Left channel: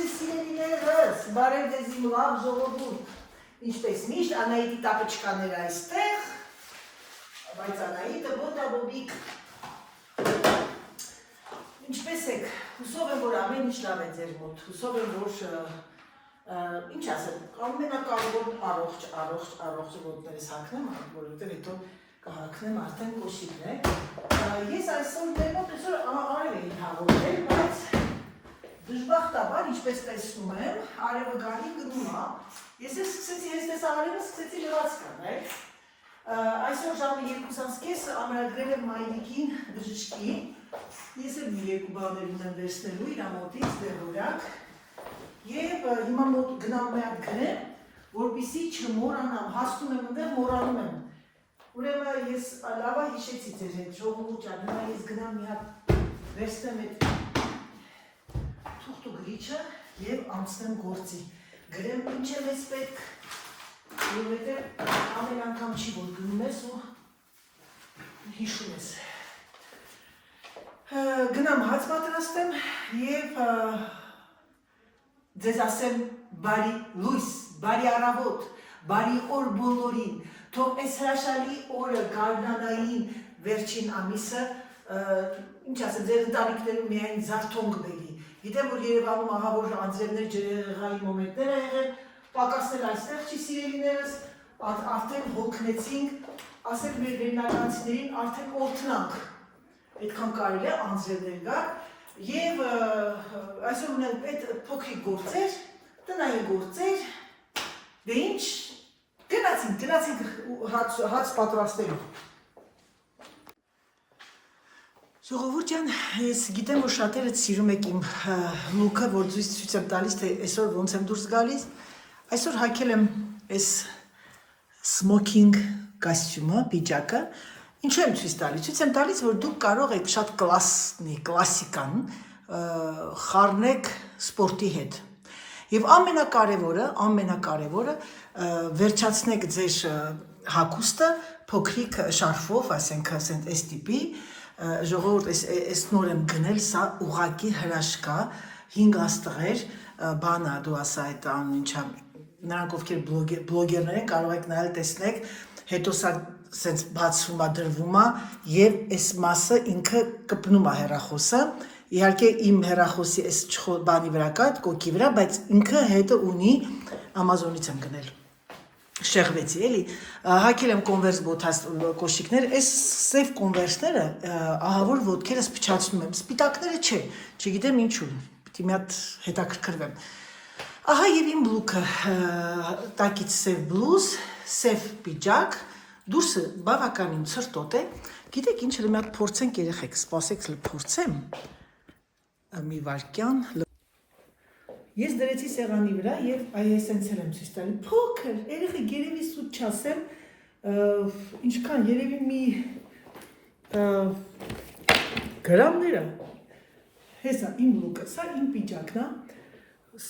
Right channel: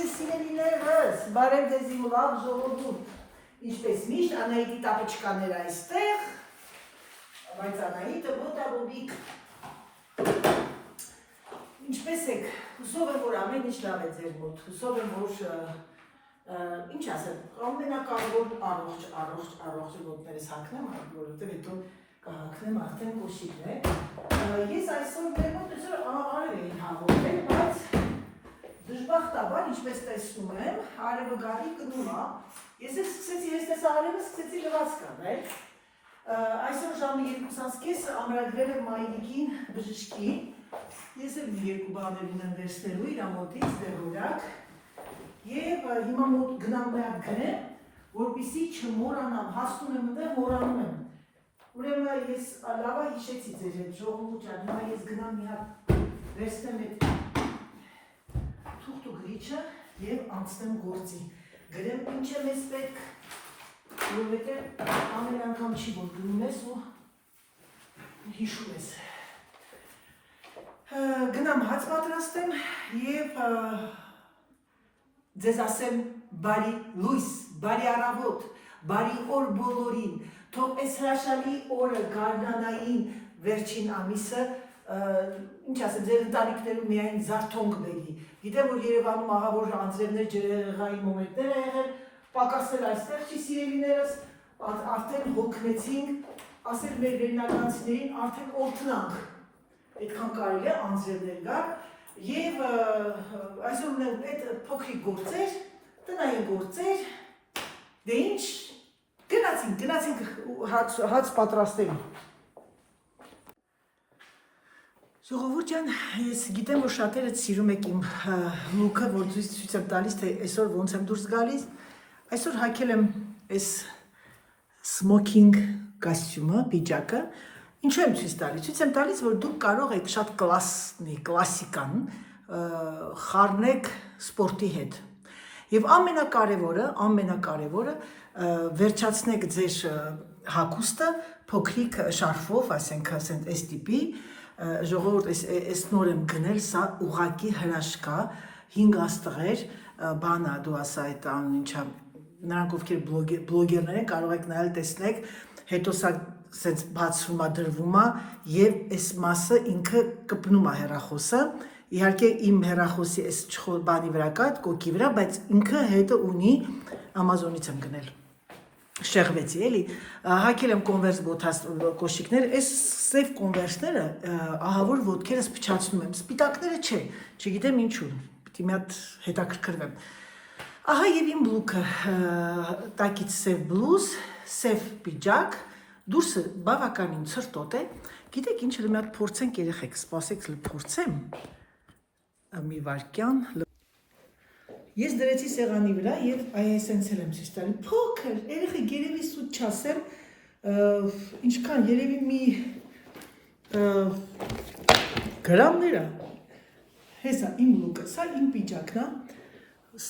ձեզ սիրելիներս, բարև ձեզ իմ լավ ժողովուրդ, ինչպես միշտ Անահիտի տապոչկաներ այստեղ, բայց Անահիտը ոտաբոբիկ, ինչպես եք, հուսով եմ, որ ամեն ինչ լավ է ձեր մոտ, հուսով եմ, որ, ինչ ասեմ, ամենակարևոր առողջ ոտներս հագնեմ, որովհետև հետո կհագնեմ արդեն կոշիկներ, ես այսօր ձեր մոտ այսօր արև էին հավոքել, բայց դժբախտաբար, ինչպես տեսնում եմ, արևը գալի գնում է, ես սկսեցի, ես տես արևը սկսեցի լված կանել, այսօր ժամը 2:30 ամրագրել եմ Մայրիկին բժշկի, ես էլ մի երկու բաներ ունեմ վերցնելու իր մոտից դեղորակ և հիմա մոտ գնամ մի հատ գնեմ, որպեսզի չմոռանամ, հասնում եմ ուտեղ մոռանում եմ, ուրեմն ես լավա հիշեցի ձեր հետ ժողովուրդ ջան, հիմա ես գնամ մի հատ վերցնեմ այդ թուղթ ու գրիչը և անցնեմ գործի, գրեմ ինչ է մեզ պետք, որովհետև ամեն անգամ չի, որ գնում ես ու հիշում ես։ Գնամ հաց պատրաստեմ և ձեզ ասեմ բարի լույս, բարի առավոտ, բարի օր բոլորին, թող այս հրաշալի օրը գարնանային վերջին ամիսը, ինչ ասեմ, ձեր ընտանիքներում միայն զարթոնք բերի։ Գիտեմ, որ Երևանում ահավոր անձրևներ ջրեղեղային մոմենտներ է եղել, պակասել այստեղ չի սիրելիներս, արդեն հոգնեցինք, ասենք մեր վերնականցիներին արդեն օրհնանք, այդքան կարելի է անձրևներ գա, և այսօր ունենք այդ փոքրիկ գործեր, տնային գործեր, դե ինչ, գնացինք հաց պատրաստելու։ Ժողովուրդ ջան, ես գիտեմ, որ շատերը սիրում եք իմ լուքը, որ ցույց եմ տալիս, թե այսօր ոնց եմ դուրս գալիս, այսօր հագել եմ այս սմոքինգ կոստյումը, պիջակը, ինչու եմ ցույց տալիս, ցույց եմ տալիս, որ դուք կարող եք շատ կլասիկան խառնեք սպորտի հետ, և ամենակարևորը վերջացնեք ձեր հագուստը փոքրիկ շարֆով, ասենք այս տիպի, ժողովուրդ, այս նոր եմ գնել, սա ուղղակի հրաշքա, 5 աստղեր, բանա դու ասա այդ անուն ինչա, նրանք ովքեր բլոգերներ են, կարող եք նայել տեսնեք, հետո սա սենց բացվում է, դրվում է և այս մասը ինքը կպնում է հեռախոսը, իհարկե իմ հեռախոսի այս բանի վրա կա, այդ կոկի վրա, բայց ինքը հետը ունի, Ամազոնից եմ գնել, շեղվեցի էլի, հագել եմ կոնվերս բոթաս կոշիկներ, այս սև կոնվերսները ահավոր ոտքերս փչացնում եմ, սպիտակները չէ, չգիտեմ ինչու, պիտի մի հատ հետաքրքրվեմ։ Ահա և իմ լուքը, տակից սև բլուզ, սև պիջակ, դուրսը բավականին ցրտոտ է, գիտեք ինչ մի հատ փորձենք երեխեք, սպասեք փորձեմ, մի վայրկյան, ես դրեցի սեղանի վրա և այսենց էլ եմ ցույց տալի, փոքր, երեխեք երևի սուտ չասեմ, ինչքան երևի մի գրամներ է, հեսա իմ լուկը, սա իմ պիջակն է,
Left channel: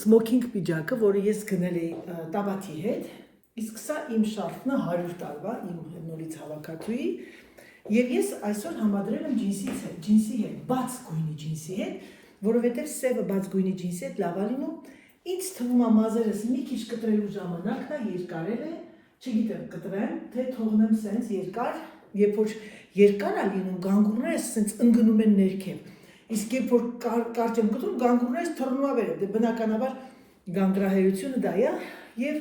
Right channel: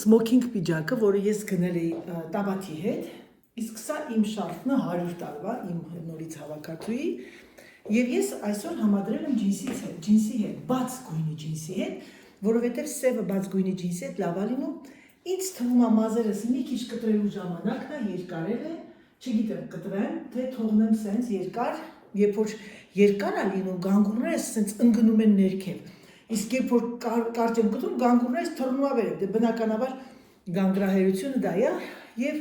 սմոքինգ պիջակը, որը ես գնել էի տաբաթի հետ, իսկ սա իմ շարֆն է 100 տարվա, իմ նորից հավաքածուի, և ես այսօր համադրել եմ ջինսի հետ, բաց գույնի ջինսի հետ, որովհետև սևը բաց գույնի ջինսի հետ լավ է լինում, ինձ թվում է մազերս մի քիչ կտրելու ժամանակն է, երկարել է, չգիտեմ կտրեմ, թե թողնեմ սենց երկար, երբ որ երկար է լինում, գանգուրներս սենց ընկնում են ներքև, իսկ երբ որ կարճ եմ կտրում, գանգուրներս թռնում է վերև, դե բնականաբար գանգրահայությունը դա է, և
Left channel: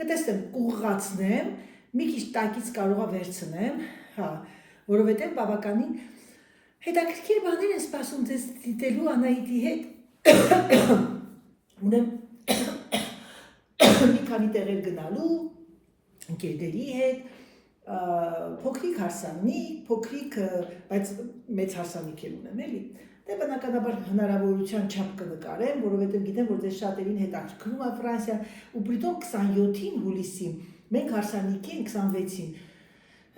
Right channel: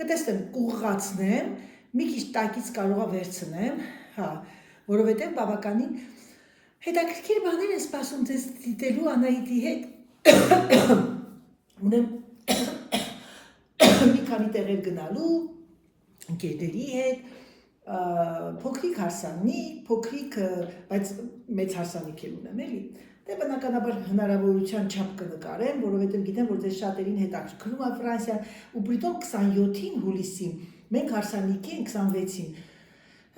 կտեսնեմ կուղղացնեմ, մի քիչ տակից կարող է վերցնեմ, որովհետև բավականին հետաքրքիր բաներ են սպասում ձեզ դիտելու Անահիտի հետ, ունեմ մի քանի տեղեր գնալու, ընկերների հետ, փոքրիկ հարսանիք, փոքրիկ, բայց մեծ հարսանիք էլ ունեմ էլի, դե բնականաբար հնարավորության չափ կնկարեմ, որովհետև գիտեմ, որ ձեզ շատերին հետաքրքրում է Ֆրանսիա, ու պրիտոմ 27-ին հուլիսի, մենք հարսանիքի են 26-ին,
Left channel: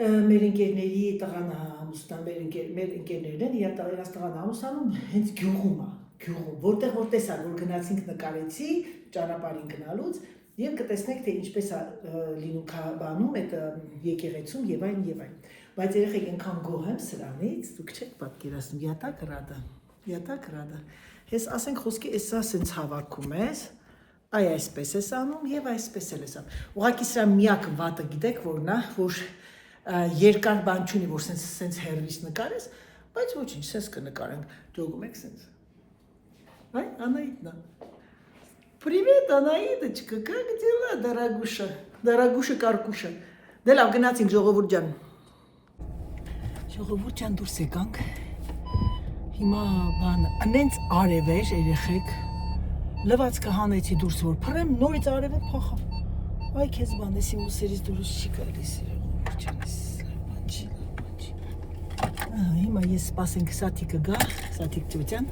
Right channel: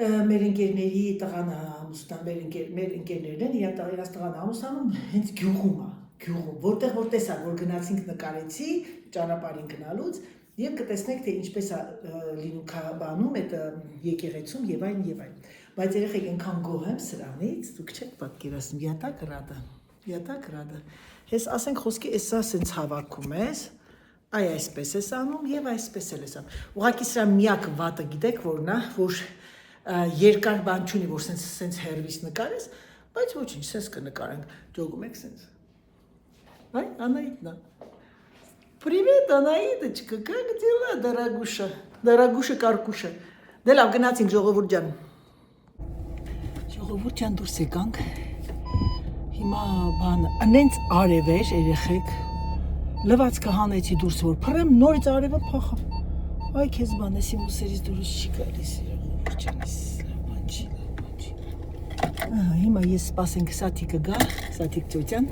մեր ընկերների տղան ամուսնան, մեր ընկերներն են, իրաց տղան ամուսնանում հենց գյուղում, որտեղ որ տեսար, որ գնացինք նկարեցի, ճանապարհին գնալուց, և կտեսնեք, թե ինչպես է լինում բանում, այդ եկեղեցում և այն, բայց երեխեք ենքան գոհ եմ սրանից, դուք չեք պատկերացնում, յատակ ռադը, Ես ասենք խոսքի էսա սենց հավաքում ես, այ այսպես ես անում և այսպես էլ ես անում։ Ուղղակի սրա միակ վատը գիտեք որն է, որ երկար բան չունի, որ սենց հերվիս նկարես, բայց ոչինչ, սենց կնկարենք, ջոգում եք սենց։ Այ, Անահիտն է։ Привет, Անահիտочка, как дела, дорогуша, дорогуша Каркуша։ Դե լավ, գնացինք ժողովուրդ ջան։ Ժողովուրդ ջան դուրս եկանք։ Հիմա բան, անենց արև էր երեխեք, լվացքը հանեցի դուրս որ փռեմ, նորից արևը փախա։ Այ քեզ բան, ես իմ ուսերից դուրս չի գալիս ժողովուրդ ջան, բանջի։ Հիմա ես սպասենք Սաթիկը գա, Սաթիկ ջոջան,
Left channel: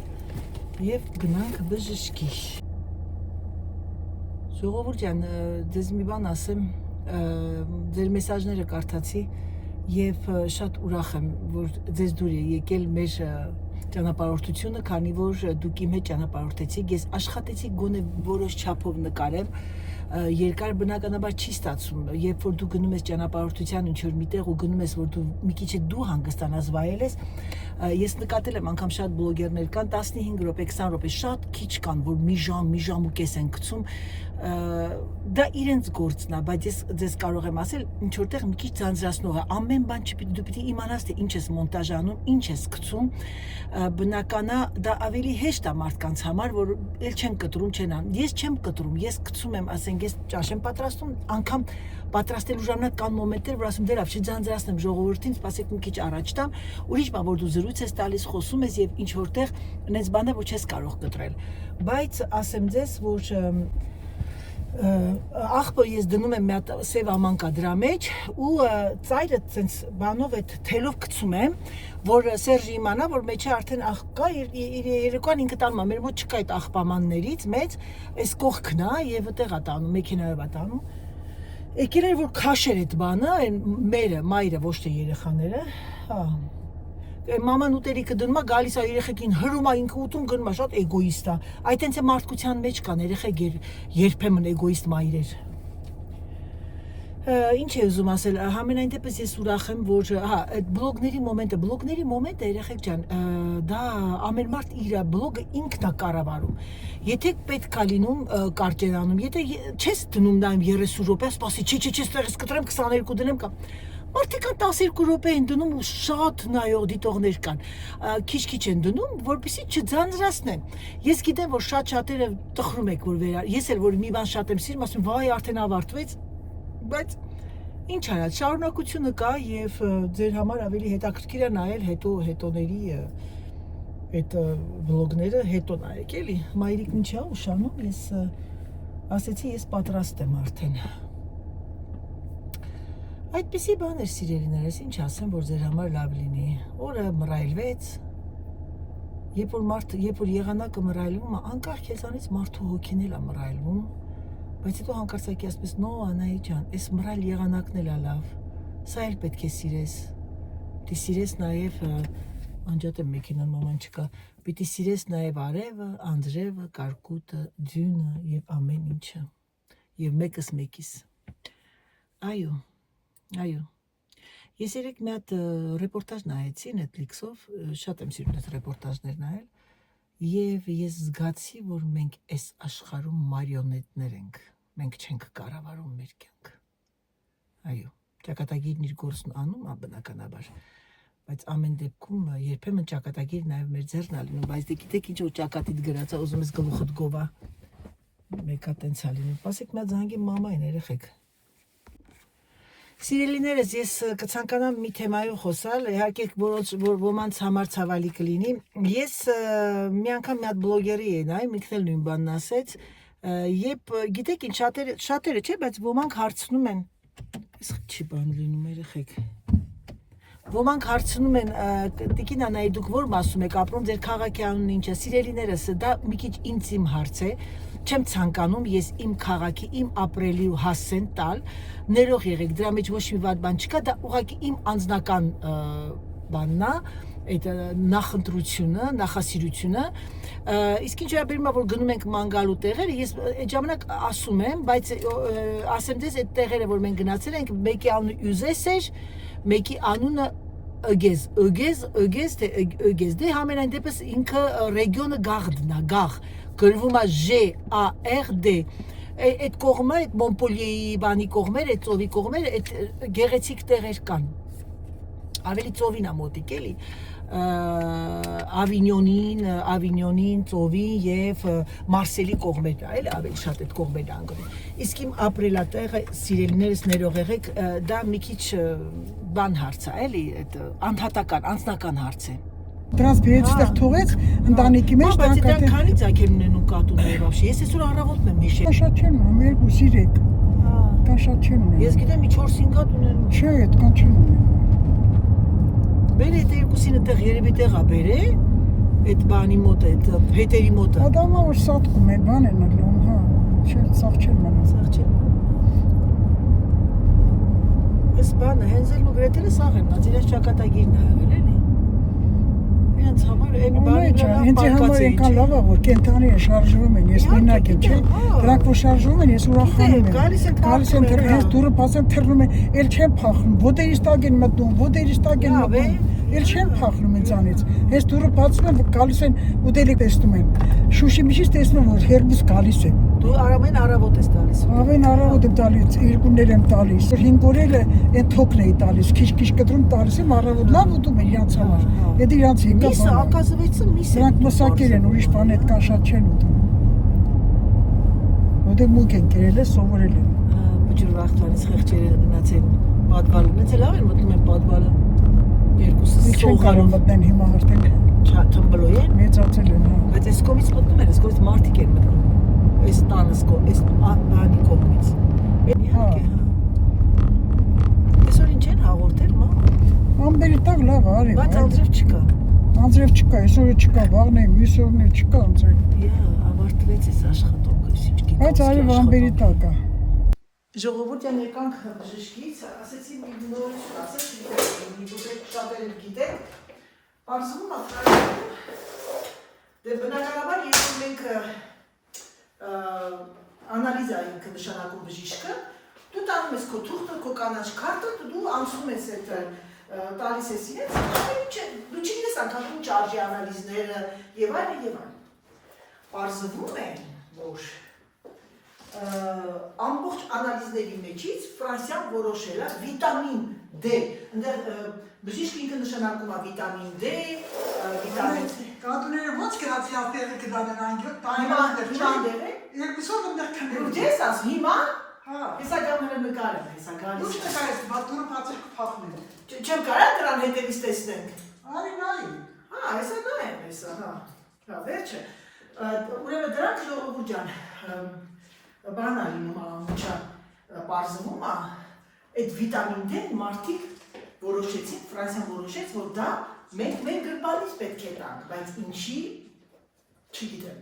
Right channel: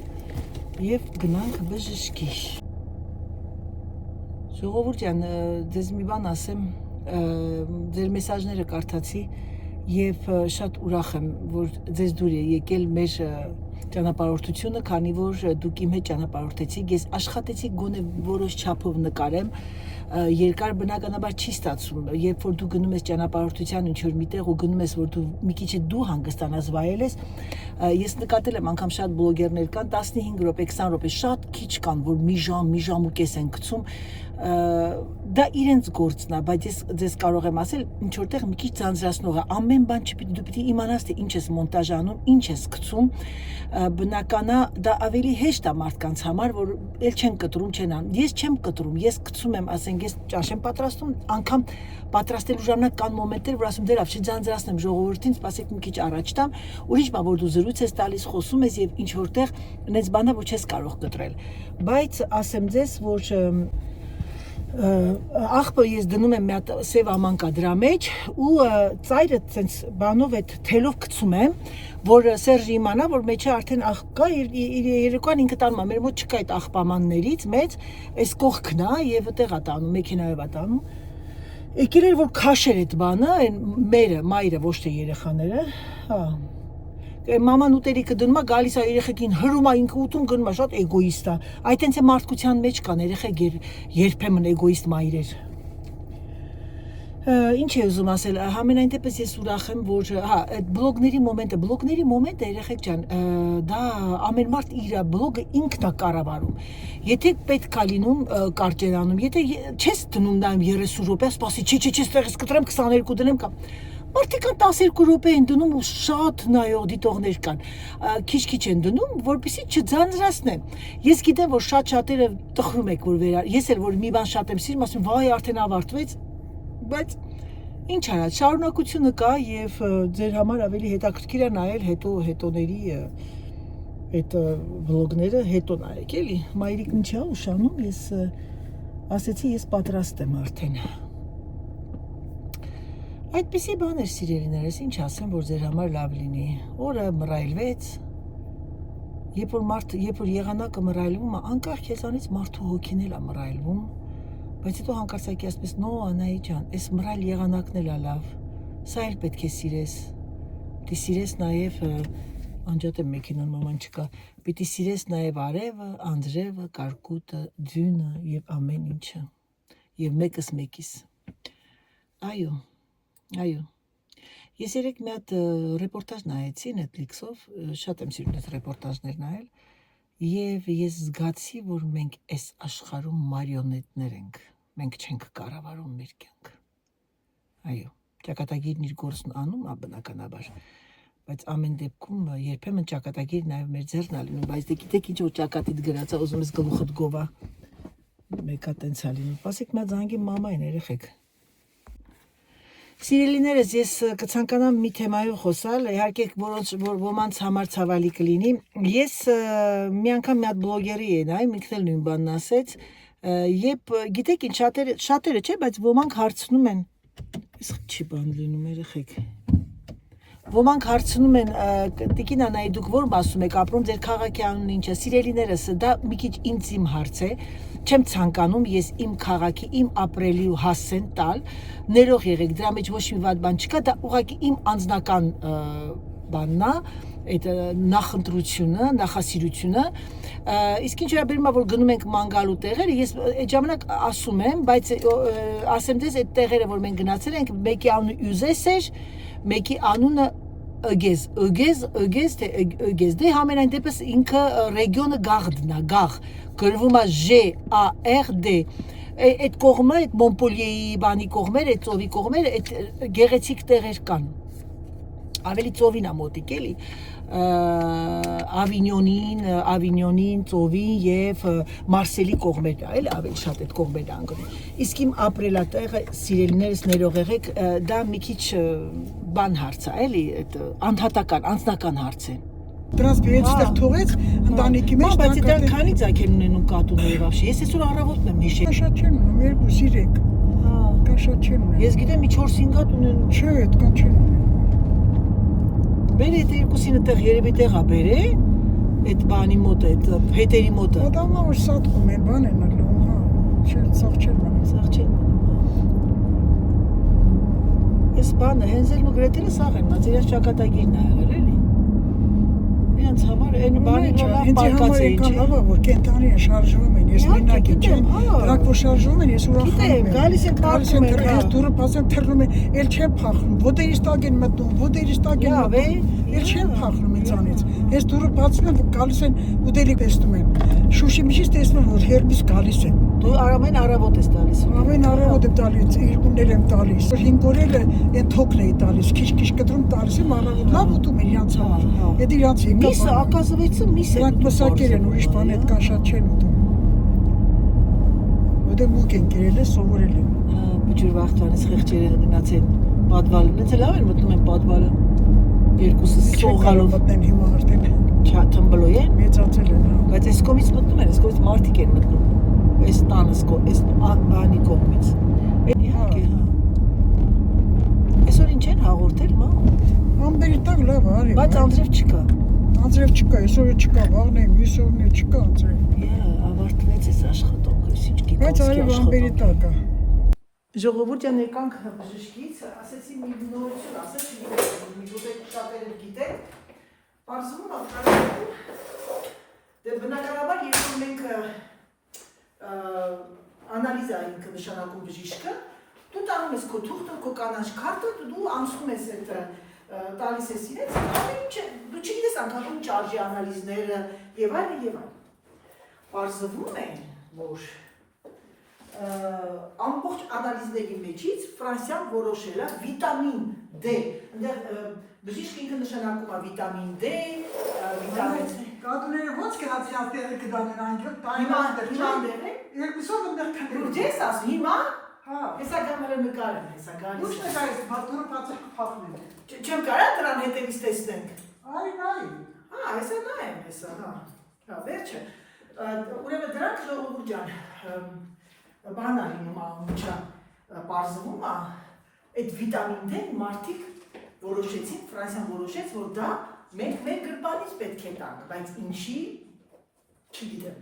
և գնանք բժշկի։ Ժողովուրդ ջան, ձեզ մի բան ասեմ, ձեր մեսաժները կարդացի և շատ ուրախ եմ, որ ձեզ դուր է եկել մեր ճանապարհորդությունը, քանի որ դուք իմ հետ ճանապարհորդեցիք, ես աշխատեցի գոնե որոշ չափով նկարեմ, երկար բնականաբար չի ստացվում, երբ որ դու գնում ես ճանապարհորդության ինչ-որ միտեղ ու գնում ես, որ դու մի քիչ դու հանգստանաս վայել ես, ես նկատել եմ անգամ շատ բլոգերներ կան, 15 րոպե, 20 րոպե, շատ քիչ կան, որ մի ժամ ու կես են գցում, դա իրենց գործն է, բայց ես ձեզ կարող եմ ասել, ինչ որտեղ մի քիչ ձանձրացնող է, ամեն բան չպիտի, դու պիտի իմանաս, թե ինչ ես մոնտաժ անում, ինչ ես գցում, բնականա դա ավելի հեշտ է մարդկանց համար, որ էլ չեն կտրում, չեն անում, ես չեմ կտրում, ես գցում եմ, ասենք ես ճաշ եմ պատրաստում, անգամ պատրաստելու ժամանակ կան մոմենտներ, որ ասում դե լավ, չձանձրացնեմ ժողովրդին, սպասեք մի քիչ առաջ տամ, ուրիշ բան, որ դու զրույց ես տալիս, խոսում ես և ինչ որտեղ նենց բան է, որ չես կարող կտրել, բայց ասեմ ձեզ, որ աղբը ես դնում եմ մի հատ սև ամանկա դրա մեջ ու ծայրը ցենց բանով այդ թելով գցում եմ, որ Սերժը իմանա, որ մեջը արդեն աղբ կա, երեկոյան ինքը տանում է, մեր մոտ չկա այդ աղբամաններից մեծ, այս կողքն է և այդտեղ է տանում, մեքենայով է տանում։ Եկել էր, որ քաշեր այդ բանը, այն մայրը, ոչ թե երեխաները, մաման ուտելիքը դնում է, գալիս է երեխեքին հրում է, ինքը ուտում գնում է, շատ էգոիստ է, այդ հենց է մարդկության մեջ կան երեխեք երբեմն էգոիստ մայրեր։ Ինչ է ուզում ասել, համենայն դեպս ես ուրախ եմ, որ այդ բլոգների մոմենտը երեխեք ջան, դա ամեն մարդ իր բլոգը ինքն է կառավարում։ Եթե պետք է լինում կարճերանում, եթե չես դնում դա 30 րոպե, սպասի, չէ, ստեղից կտրեմ 22 դնեմ կամ մարդիկ կան 12 րոպե են դնում ու շատ նայող դիտողներ կան, քիչ են դնում, որպեսզի չձանձրացնեն։ Ես գիտեմ, որ շատ-շատերը տխրում եք, որ ես էլ որ մի բան շատ եմ սիրում, ասում վայ, արդեն ավարտվեց, բայց ինչ արած, շարունակությունը կա և ձեր համար ավելի հետաքրքիր է նայել հետոների այդ վլոգները հետո նայեք, էլի, մայրիկն ինչի է ուշանում, ես ասեցի, ես պատրաստ եմ արդեն։ Այդպիսի բան էր սիրելիներս, ինչ ասեմ, որ ձեր համար լավ լինի, օրը մռայլվեց, երբ որ եղանակը մռայլվում է, անկախ քեզանից մարդու հոգին էլ է մռայլվում, բայց հետո հանկարծակի ասպես, նո Անահիտ ջան, այս մռայլ եղանակն էլ է լավ, սա էլ պետք է սիրես, պիտի սիրես նաև, անջատ եմ մեքենան մաման չկա, պիտի սիրես նաև արևը, անձրևը, կարկուտը, ձյունը և ամեն ինչը, և մեկս մեկիս, այո, ես երեկ մի հատ ռեպորտաժ նայեցի Netflix-ով, շատ եմ սիրում այդ ռեպորտաժներ նայել, և ես զգացի, որ մենք այս աշխարհում մարիոնետներ ենք, մենք չենք կառավարում մեր կյանք, այո, ճակատագիրն իր գործն անում է բնականաբար, բայց ամեն դեպքում երբեմն ճակատագիր նաև մեր ձեռն է լինում, բայց դե գիտեք ինչ որ ճակատիդ գրած է, ուզում ես գլուխդ գովա, մեկա տենց է լինում, սպասեք մի հատ զանգի մամային երեխեք։ Սիրելիներս, ես կցանկանամ մի թեմայով խոսալ, իհարկե ոմանց համար ցավալի կլինի, ես մի անգամ մի հատ բլոգերի էի նայում, ինքն էլ նույն բանն ասեց, երբ գիտեք ինչ շատերը չէ, բայց ոմանք հարցնում են, այս չի բան լինում երեխեք, ոմանք հարցնում են, տիկին Անահիտ, դուք ո՞ր մասում եք ապրում, ձեր քաղաքի անունը ինչ է, սիրելիներս, դա մի քիչ իմ հարց է, չեմ ցանկանում ես իմ քաղաքի, իմ ապրելի ու հասցեն տալ, ներող եղեք, դրա մեջ ոչ մի վատ բան չկա, դա ուղղակի իմ անձնական բանն է, այդ նախընտրությունը, նախասիրությունը, իսկ ինչ վերաբերում է, որ գնում ենք ման գալու տեղերը, ես այդ ժամանակ ասում եմ, բայց ասեմ ձեզ, այդ տեղերը, որ մենք գնացել ենք, մեկի անունը Յուզես էր, մեկի անունը Øgez թե Øgez, դե համենայն դեպս ինքը ռեգիոնը Գաղդն է, Գաղ, գրվում է G-A-R-D, այդ կողմը, այդ Մոնպոլիեի բանի կողմերը, այդ ծովի կողմերը, այդ գեղեցիկ տեղեր կան, ավելի ծովին է մոտիկ էլի, Ավինյոնին, ծովին և Մարսելի կողմերն է, էլի ավելի շատ այդ կողմերն անգրում, իսկ իմ ապրելատեղը սիրելիներս ներողեղեք, դա մի քիչ բան հարց է, էլի, անհատական, անձնական հարց է։ Դրանց բերեցտեղ թողեց ընտանիքի մեջ բայց դա քանի ձակ են ունենում կատուները վաբշե, ես այսօր առավոտն եմ հիշել։ Շատ չեն ունում, 2-3, կա շատ չեն ունում։ Ես գիտեմ մի 4-5 հատ ունենում։ Չէ, այդքան չեն ունում։ Բեր այդ երկուսին տեղ երևի տեղա բեր է, այդ բանի մոտը, այդ հետերի մոտը։ Ադամա որ սատկում է, բան է մնում, հա, չէ, սաղ չեն մնում։ Սաղ չեն մնում։ Այս բանը, հենզելն ու գրետերը սաղ են, մած իրենց ճակատագիրն է եղել, էլի։ Իրանց համար այն բանի լավ պարկած էին, չէ։ Լավ է, որ կենտանի է շարժվում են, ես մենակ եմ, չէ։ Դրանք որ շարժվում են, ես ուրախանում եմ։ Գալիս են փախնում են, հենց դուրը փասեն թռնում են, էլ չեն փախնում, ոտերից տակ են մտնում, ոտերից տակ են մտնում, էլ չեն փախնում ինձանից։ Հենց դուրը բացում են, գալիս են ու դելի տեսնում են։ Շուշի միջից տեսնում որ հերբիս գալիս են։ Դու արամեն առավոտ ես տալիս։ Ամեն առավոտ եմ տալիս, երկուներ եմ տալիս։ 5 օրերը այն թոքն էի տալիս, քիչ կտրում տալիս եմ առավոտ, լավ ուտում են իրանց համար։ Դա իրանց հիմա։ Միսը, оказывается, միս է։ Դրանք մսակեր են, ուրիշ բան այդ կան շատ չեն ուտում։ Ոտե մուկ են կերել է, սովորել են։ Բջուր վաղթանից խեղճերը գնացեն պատվալը, նենց լավ են մտնում են պատվալը։ Երկուսը սողալով մտնեն հիմա արդեն։ Թմբլոյ են։ Մեծացել են, հա։ Բայց այս կողմից մտնում են, այս կողմից մարդիկ են մտնում։ Այս տանս, այս բանի կողմից։ Իհարկե, հա։ Այսօր ինչ են հաղորդել, մա։ Ամբերի տակ լավ է, արի։ Բայց անձրև չկա։ Անձրև չկա, այսօր չկա, վաղն է, մյուս օրն է, չկա անձրև։ Ավարտվեց այս աշխատանքը, ինչ Բայց արի ամբերի տակ է։ Ժողովուրդ ջան, եկանք բժշկից, ասեցի մի նորություն, ասեցի մի դուք շատերը գիտեք, պարզվում է, դե բնականաբար երբ մենք անալիզ այնք նշանակում բժիշկը, դու տանում ես քո թուղթը, քո կանաչ քարտը, դու անցնում ես այդ տալիս ես իրենց, դու չգիտես անգամ ինչ արժի անալիզները եւ այլն եւ այլն։ Պարզվում է, որ ամբողջ անալիզների մեջից Ֆրանսիան որոշել է վիտամին D, այնտեղ բժիշկը ինքը նշանակում է վիտամին D, վիտամին C։ Կատուները ոչ գնաց իրար տեղը կդանեն անգել, տայմաններ չանդեր է, երկուսով ընդեղ քնդել։ Դու ես ասում, հիմա, հա, հեսա գամերը նկարեմ, հեսա գալիս։ Դուշ նկարես, դուրը բացեր կփախնեն։ Չեմ կարա դրան հետևից տեսնենք։ Արի նայ։ Հա, հեսա նայեմ, հեսա, հա։ Հա, վերջը։ Ուրեմն դրանք ժողովուրդ ջան, բան ալինում ամուչա պարզվում է, այդ վիտամին D-ն մարդիկ որոշեցին, Ֆրանսիան որոշեց, որ դա մենք մեր գրպանից պետք է տանք, բայց ինչի, չգիտեմ,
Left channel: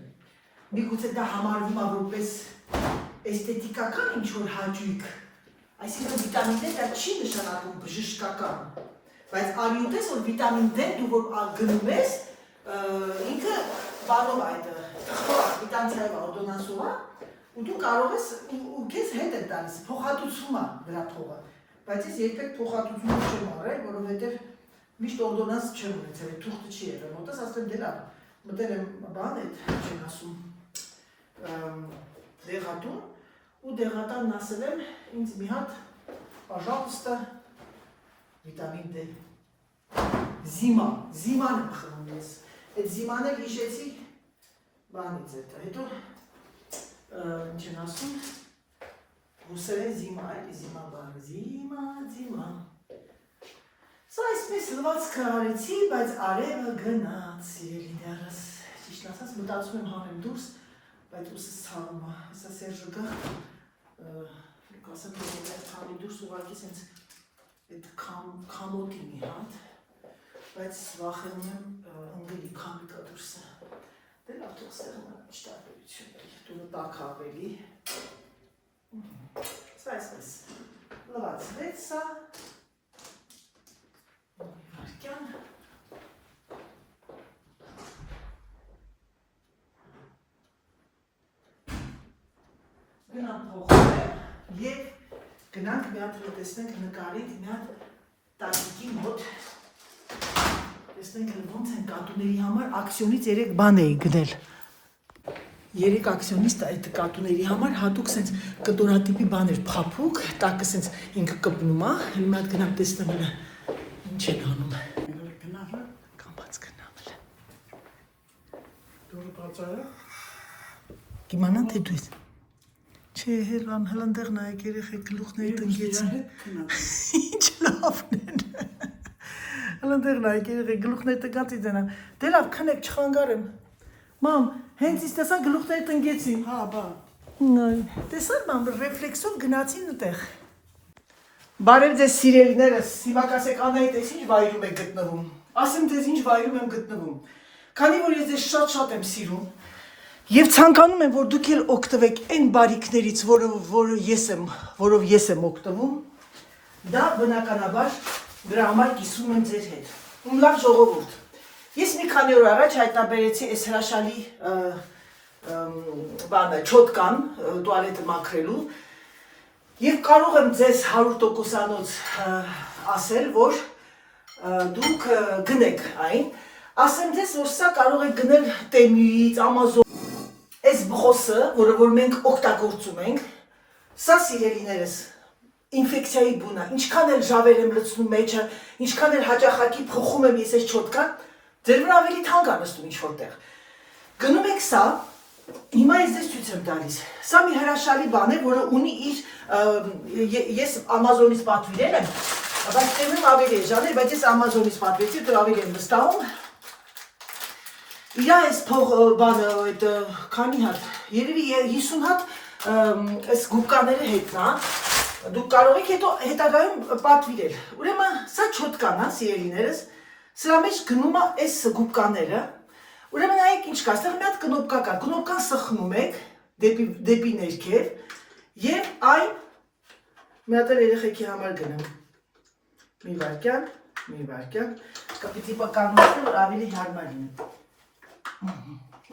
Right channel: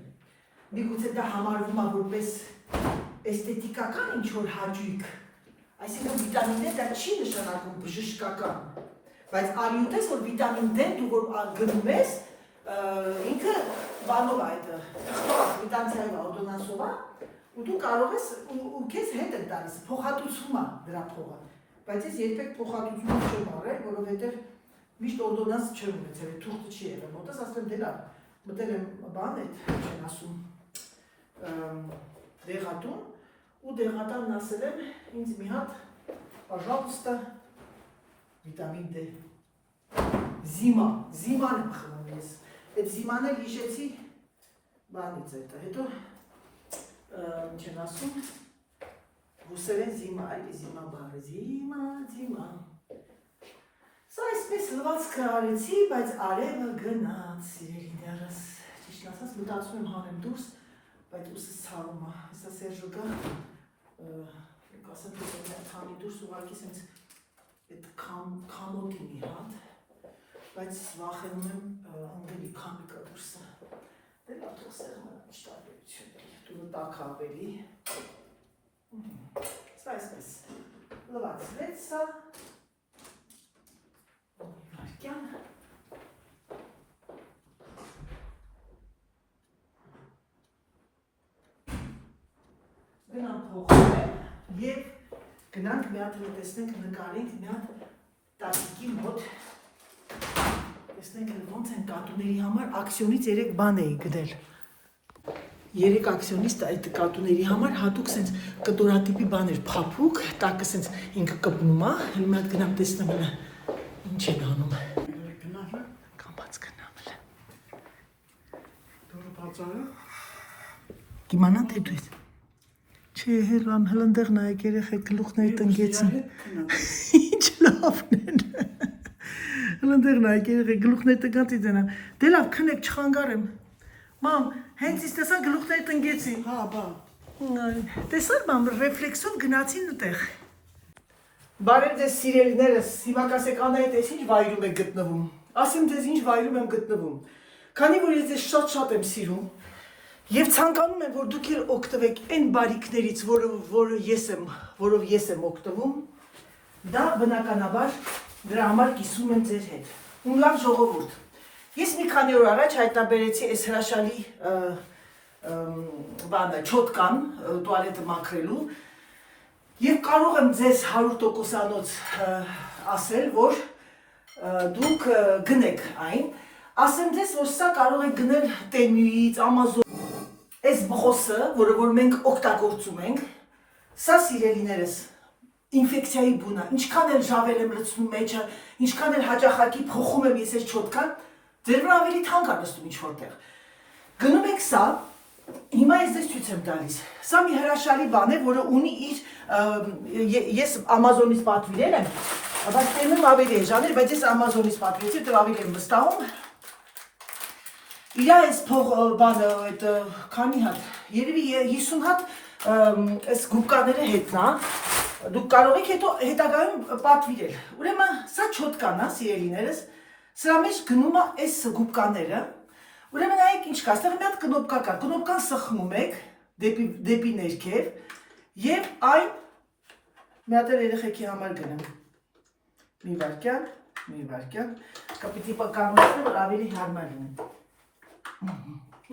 միգուցե դա համարվում է որպես էսթետիկական ինչ-որ հաճույք, այսինքն վիտամին D դա չի նշանակում բժշկական, բայց արյունտես, որ վիտամին D դու որ գնում ես, ինքը բանով այդ թխտով է, վիտամինայով է, օրդոնանսով է, ու դու կարող ես, ու քեզ հետ է տալիս, փոխհատուցում է դրա փողը, բայց ես երբեք փոխհատուցում չեմ արել, որովհետև միշտ օրդոնանս չեմ ունեցել, թուղթը չի եղել, մոտս ասեմ դե լավ, մտել եմ բան այդ, չեմ ասում, դեղատուն, ու դեղատանն ասել եմ, ինձ մի հատ, պաժալուստա, վիտամին D, զիման եմ խմում ես, այդ զիման էլ հիշեցի բանից էտը, հետո ինչ են ասում, ռուսերեն զիմա, այլի զիմա բառը, զիմա։ Սա այսպես լվացքը արեցի, բայց արևը գնաց, երելիներս, ճիշտ ասած մտածում եմ հանեմ դուրս, բայց ուսս ցավում է, հեսա Սերժը գա, ասեմ թե ցավի դուրս ուղարկի սենց այդ քամոտի մի հատ, բայց վախենում եմ ընկելի քամիկա դուրսը, դե լավ թող ստեղ մնա ինչ տարբերություն է, դուրը տաք ավելի, սա այսպես լվացվեց սա, վարկյան, գնանք փոխում և գնանք մի հատ տեսնենք նկարենք մի հատ տատիկի մոտ Տեսնենք ոնց են կատուների համար ակցիոնից 3 բան էի գնել։ 3 ակցիոնից այդ կատուների համար հատուկ սենց կտորատիպի բաներ փափուկ, տակը սենց ինքը կպնում է, հենց մի հատ գնամ տեսնեմ հələ ինչ են անում։ Գնահը Կամած գնամ։ դուրը բացարը։ Կիմանա թե դու ես։ Չէ, հելան հլանդեղ նայեք երեխեք գլուխների տնկեցին։ Ինչ լավն են։ Հլանդեղ նայեք երեխեք գլուխների տնկացի դենան։ Դե լավ, քնեք չխանգարեմ։ Մամ, հենց իսկ տեսա գլուխների տնկեցի։ Հա, բա։ Տեսա մամ, ռեֆլեքսով գնացին այդտեղ։ Բարև ձեզ սիրելիներս, հիմա կասեք Անահիտ, ես ինչ վայրում եք գտնվում։ Ասեմ ձեզ ինչ վայրում եմ գտնվում։ Քանի որ ես ձեզ շատ եմ սիրում, եւ ցանկանում եմ, որ դուք էլ օգտվեք այն բարիքներից, որով ես եմ օգտվում, դա բնականաբար դրա համար կիսում եմ ձեր հետ։ Ունգավ ժողովուրդ։ Ես մի քանի օր առաջ հայտնաբերեցի այս հրաշալի բանը, չոտկան, տուալետը մաքրելու, եւ կարող եմ ձեզ 100%-անոց ասել, որ դուք գնեք այն։ Ասեմ ձեզ, որ սա կարող եք գնել Տեմյուից, Ամազոն։ Այս բխոսը, որ մենք օգտագործում ենք, սա սիրելիներս, ինֆեկցիայի բուն է, ինչքան էլ ժավել եմ լցնում մեջը, ինչքան էլ հաճախակի փոխում եմ ես այս չոտկան, ձեր վրա ավելի թանկ է նստում ինչ-որտեղ։ Գնում եք սա, հիմա ես ձեզ ցույց եմ տալիս։ Սա մի հրաշալի բան է, որը ունի իր, ես Ամազոնից պատվիրել եմ, բայց Տեմում ավելի էժան էր, բայց ես Ամազոնից պատվիրեցի, դու ավելի եմ վստահում։ Իրա այս բանը, այդ քանի հատ, երևի 50 հատ այս գուբկաները հետն է, դուք կարող եք հետո հետագայում պատվիրել։ Ուրեմն սա չոտկան է, սիրելիներս, սրա մեջ գնում է այս գուբկաները, ուրեմն նայեք ինչ կա, այստեղ մի հատ կնոպկա կա, կնոպկան սխմում եք դեպի ներքև եւ այն մի հատ էլ երեխեքի համար գնեմ։ Մի վարքյան, կապիտի կանոնացնեմ, որ ավելի հարմար լինի։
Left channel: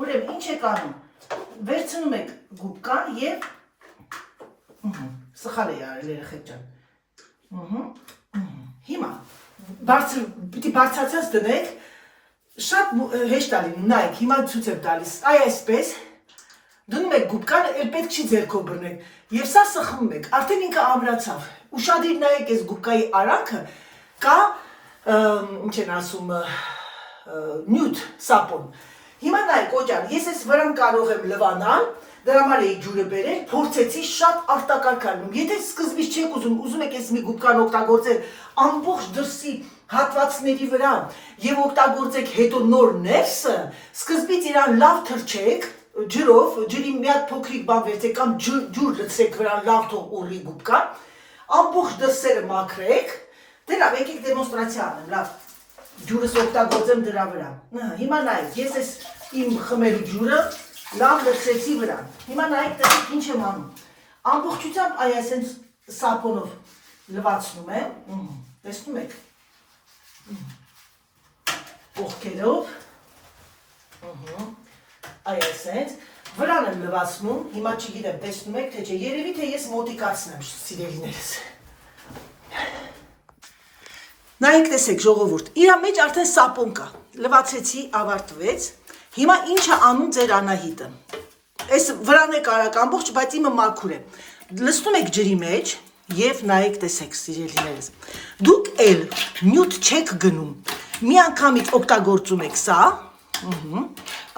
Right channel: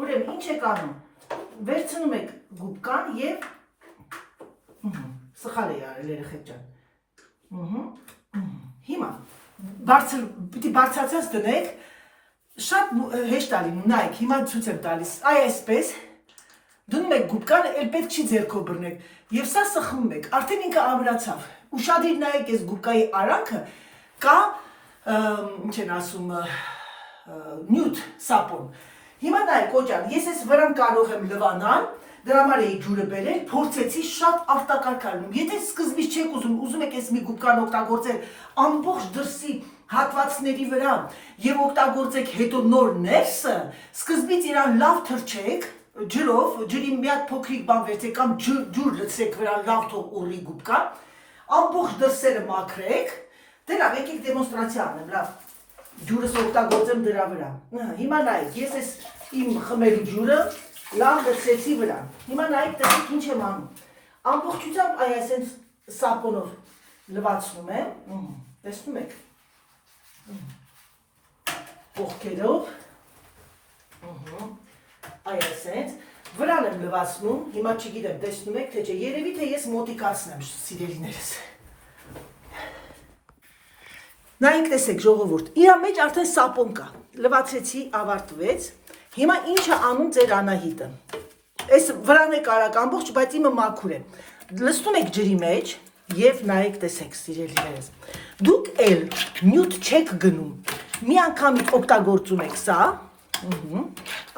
Ուրեմն ինչ եք անում, վերցնում եք գուբկան եւ սխալ է արել երեխեք ջան։ Հիմա պիտի բարձրացած դնեք, շատ հեշտ է լինում, նայեք, հիմա ցույց եմ տալիս, այ այսպես դնում եք գուբկան, էլ պետք չի ձեռքով բռնեք եւ սա սխմում եք, արդեն ինքը ամրացավ։ Ուշադիր նայեք այս գուբկայի արանքը, կա ինչ են ասում նյութ սապոն։ Հիմա նայեք օջան, ես այս վրան կարող եմ լվանալ, դրա համար էի ջուրը բերել, փորձեցի շատ արտակարգ ալնում։ Եթե սկզբից չեք ուզում եք այս մի գուբկան օգտագործել ամբողջ դրսի հատվածների վրա եւ օգտագործեք հետո նոր ներսը, սկզբից իրան լավ թրջեք ջրով, ջրի մի հատ փոքրիկ բան վերցեք կամ ջուր լցրեք վրան լավ թող ուռի գուբկան, ամբողջ դրսերը մաքրեք, դե լավ, եկեք դեմոնստրացիա անեմ, լավ, ջուրս օգտագործեմ դրա վրա։ Հիմա նայեք, ես այս իմ խմելու ջուրը լավ լցրեցի վրան։ Հիմա նայեք, տեսեք ինչ եմ անում։ Ամբողջությամբ այ այսպես սապոնով լվացնում եմ, տեսնում եք։ Կողքերով, այ այսպես, վրան եմ լվացնում, հիմա չգիտեմ, տեսնում եք, թե չէ, երևի թե ես մոտիկացնեմ սիրելիներս։ Նայեք տեսեք ժողովուրդ, իրա մեջ արդեն սապոն կա, լվացեցի, ավարտվեց, հիմա ինչ է անում ձեր Անահիտը, այս վրան եք արակ ամբողջ, բայց իմը մաքուր է, լցնում եք ջրի մեջ և նայեք տեսեք սիրելիներս, դուք էլ նյութ չեք գնում, մի անգամից օգտագործում եք սա,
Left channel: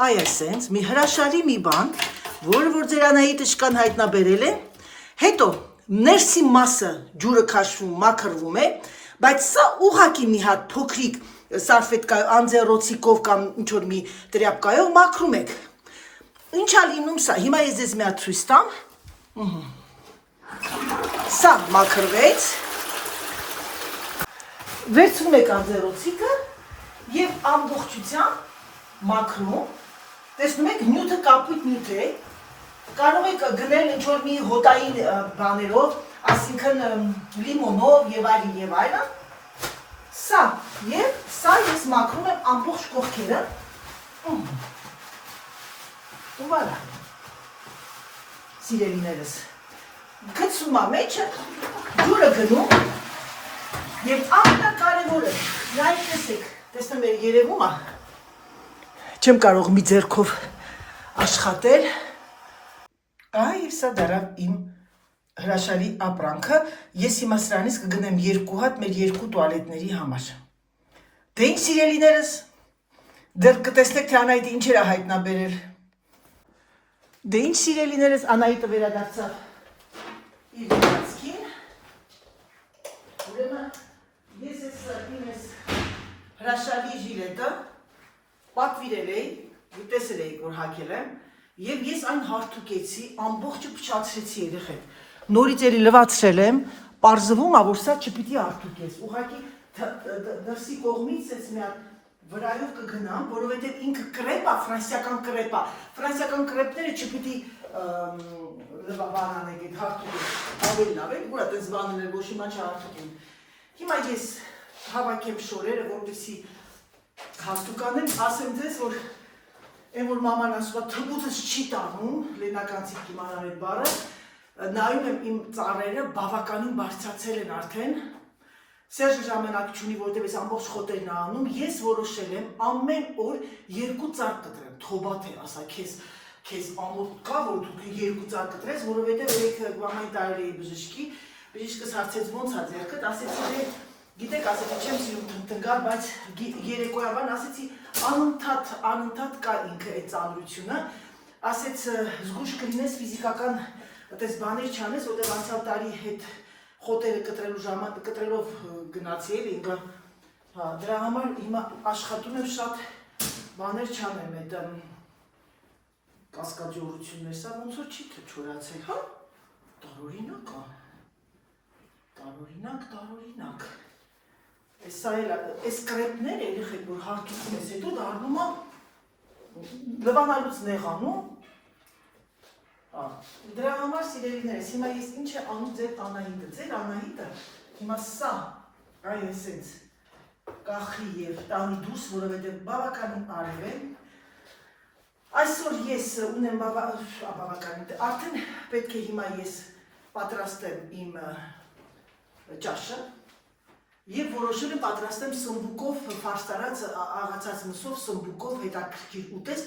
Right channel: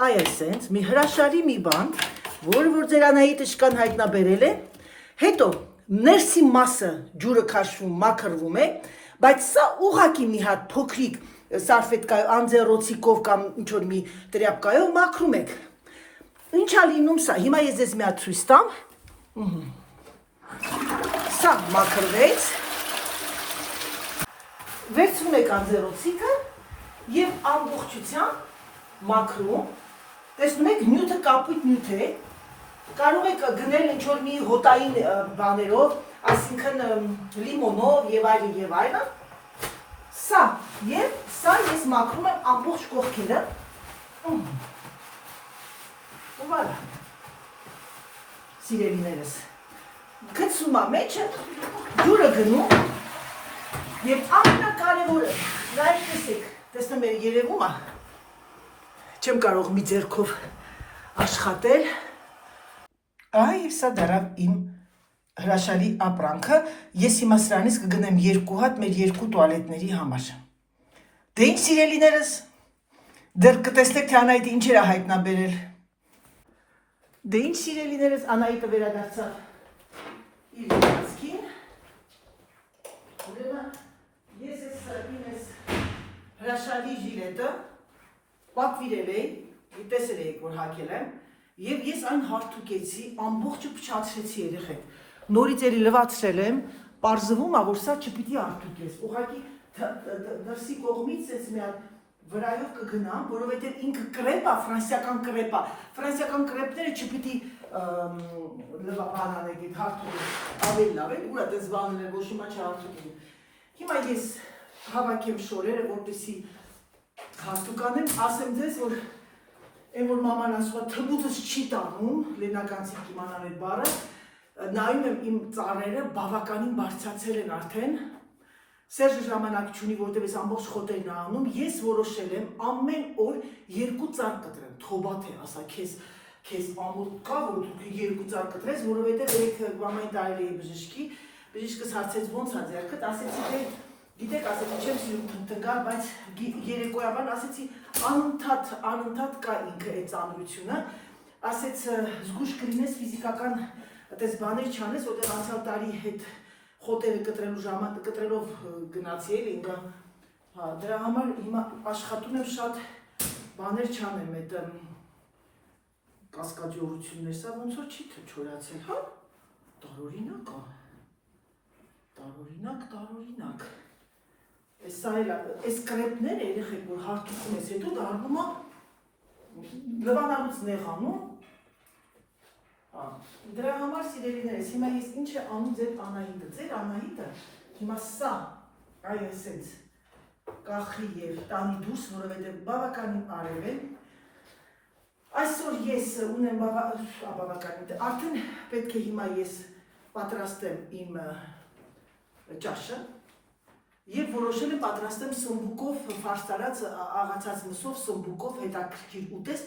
այ այսենց, մի հրաշալի մի բան, որը որ ձեր Անահիտը շկան հայտնաբերել է, հետո ներսի մասը ջուրը քաշվում, մաքրվում է, բայց սա ուղղակի մի հատ փոքրիկ սարֆետկայով, անձեռոցիկով կամ ինչ-որ մի տրյապկայով մաքրում եք։ Ինչ է լինում սա, հիմա ես ձեզ մի հատ ցույց տամ, սա մաքրվեց, վերցնում եք անձեռոցիկը և ամբողջությամբ մաքրում, տեսնում եք նյութը կապույտ նյութ է, կարող եք գնել ինչ-որ մի հոտային բաներով, այսինքն լիմոնով և այլն, սա և սա ես մաքրում եմ ամբողջ կողքերը, ու վալա, սիրելիներս, գցում է մեջը, ջուրը գնում և ամենակարևորը, նայեք տեսեք, Տեսնում եք երևում է։ Չեմ կարող մի ձեռքով աշխատել։ Այ սա դարավ իմ հրաշալի ապրանքը։ Ես հիմա սրանից կգնեմ 2 հատ մեր 2 տուալետների համար։ Դե ինչ սիրելիներս, դեռ կտեսնեք թե Անահիտը ինչեր է հայտնաբերել։ Դե ինչ սիրելիներս, Անահիտը վերադարձավ իր գնացքին։ Ուրեմն ես այս հրաշալի ժիլետը պատվիրել էի, տեսել էիք որ հագել եմ, եւ ես այն հարթուկեցի, ամբողջը փչացրեցի երեխեք։ Նորից էլի լվացրել եմ, պարզվում է որ սա չպիտի հարթուկես։ Ուղղակի դրսի կողմից էս մի հատ վրայով կգնամ, որովհետեւ ինքը կրեպ է, ֆրանսիական կրեպ է։ Ֆրանսիական կրեպները չպիտի բան անեք, հարթուկեք, ավելի լավ է, ուր է դες բաներ ոչ հիմա չհարթուկեն։ Հիմա ես հավաքեմ շորերը, որպեսզի հաստուկանեմ, ասեմ ձեզ, որ այն որ մաման ասում է թմուծս չի տանում, լենականցի կիմանան այդ բառը, նայում եմ իմ ծառերը բավականին բարձրացել են արդեն, Սերժը ժամանակ չունի, որտեղ ես ամբողջ խոտերն անում, ես որոշել եմ ամեն օր 2 ծառ կտրեմ, թոբաթ է, ասա քեզ ամոթ կա, որ դու 2 ծառ կտրես, որովհետև երեք մամային տարել էի բժշկի, բժիշկս հարցեց ոնց է ձեռքդ, ասեցի դե գիտեք, ասեցի չեմ սիրում տնկալ, բայց երեկոյաբան ասեցի անընդհատ կա ինքը այդ ծանրությունը, ասեց զգույշ կլինես ֆիզիկական այդպես բաներ չանես, որտեղ անցյալ տարի հետ խոտերը կտրելու ժամանակ կտրելով գնացի էլի ինքը, դրա համար հիմա աշխատում եմ շատ բաներ չանեմ, այդ կասկադյորություններ, սա ոնց որ չի չորացել, հա, տարօրինակ է, տարօրինակ, սա էլ այս կրեպները երեխեք, որ հարթուկում ես հետո դառնում է լվանալուց նեղանում, դրա համար սիրելիներս, հիմա ես ինչ է անում ձեր Անահիտը, հիմա սա, այ այսենց կախի և տանի դուրս, որովհետև բավականին արև են, այսօր ես ունեմ բավականին, արդեն պետք է հիմա ես պատրաստեմ իմ ճաշը և որոշել եմ պատրաստեմ սմբուկով ֆարշտարած աղացած մսով սմբուկով հետաքրքիր ուտես,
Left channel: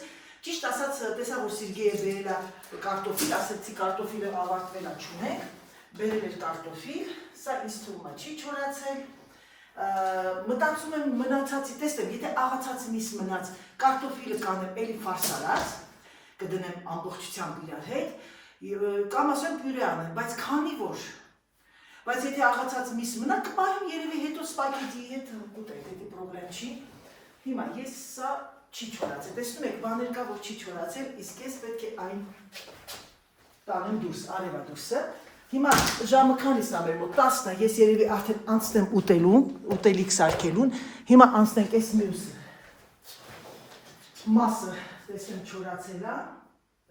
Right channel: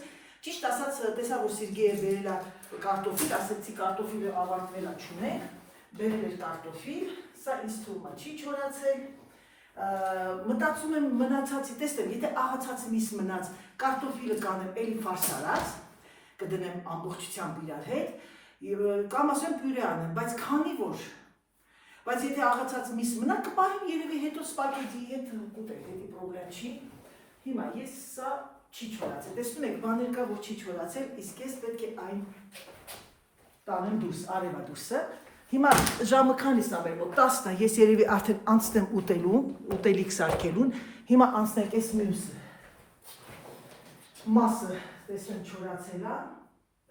ճիշտ ասած տեսա որ Սիրգեյը բերել է կարտոֆիլ, ասեցի կարտոֆիլը ավարտվել է չունենք, բերել էր կարտոֆիլ, սա ինձ թվում է չի չորացել, մտածում եմ մնացածի, տեսնեմ, եթե աղացածը միս մնաց, կարտոֆիլը կանեմ էլի ֆարշարած, կդնեմ ամբողջությամբ իրար հետ, կամ ասեմ պյուրե անեմ, բայց քանի որ, բայց եթե աղացածը միս մնա, կպահեմ երևի հետո սպագետի հետ կուտենք, հետի պրոբլեմ չի, հիմա ես սա չի չորացել, տեսնում եք բաներ կա, որ չի չորացել, իսկ ես պետք է այն տանեմ դուրս, արևա դուրսը, հիմա ժամը քանիսն է մեր մոտ, 10-ն է, ես երևի արդեն անցնեմ ուտելիք սարքելուն, հիմա անցնենք այս մյուսը, մասը, տեսնեմ չորացել է,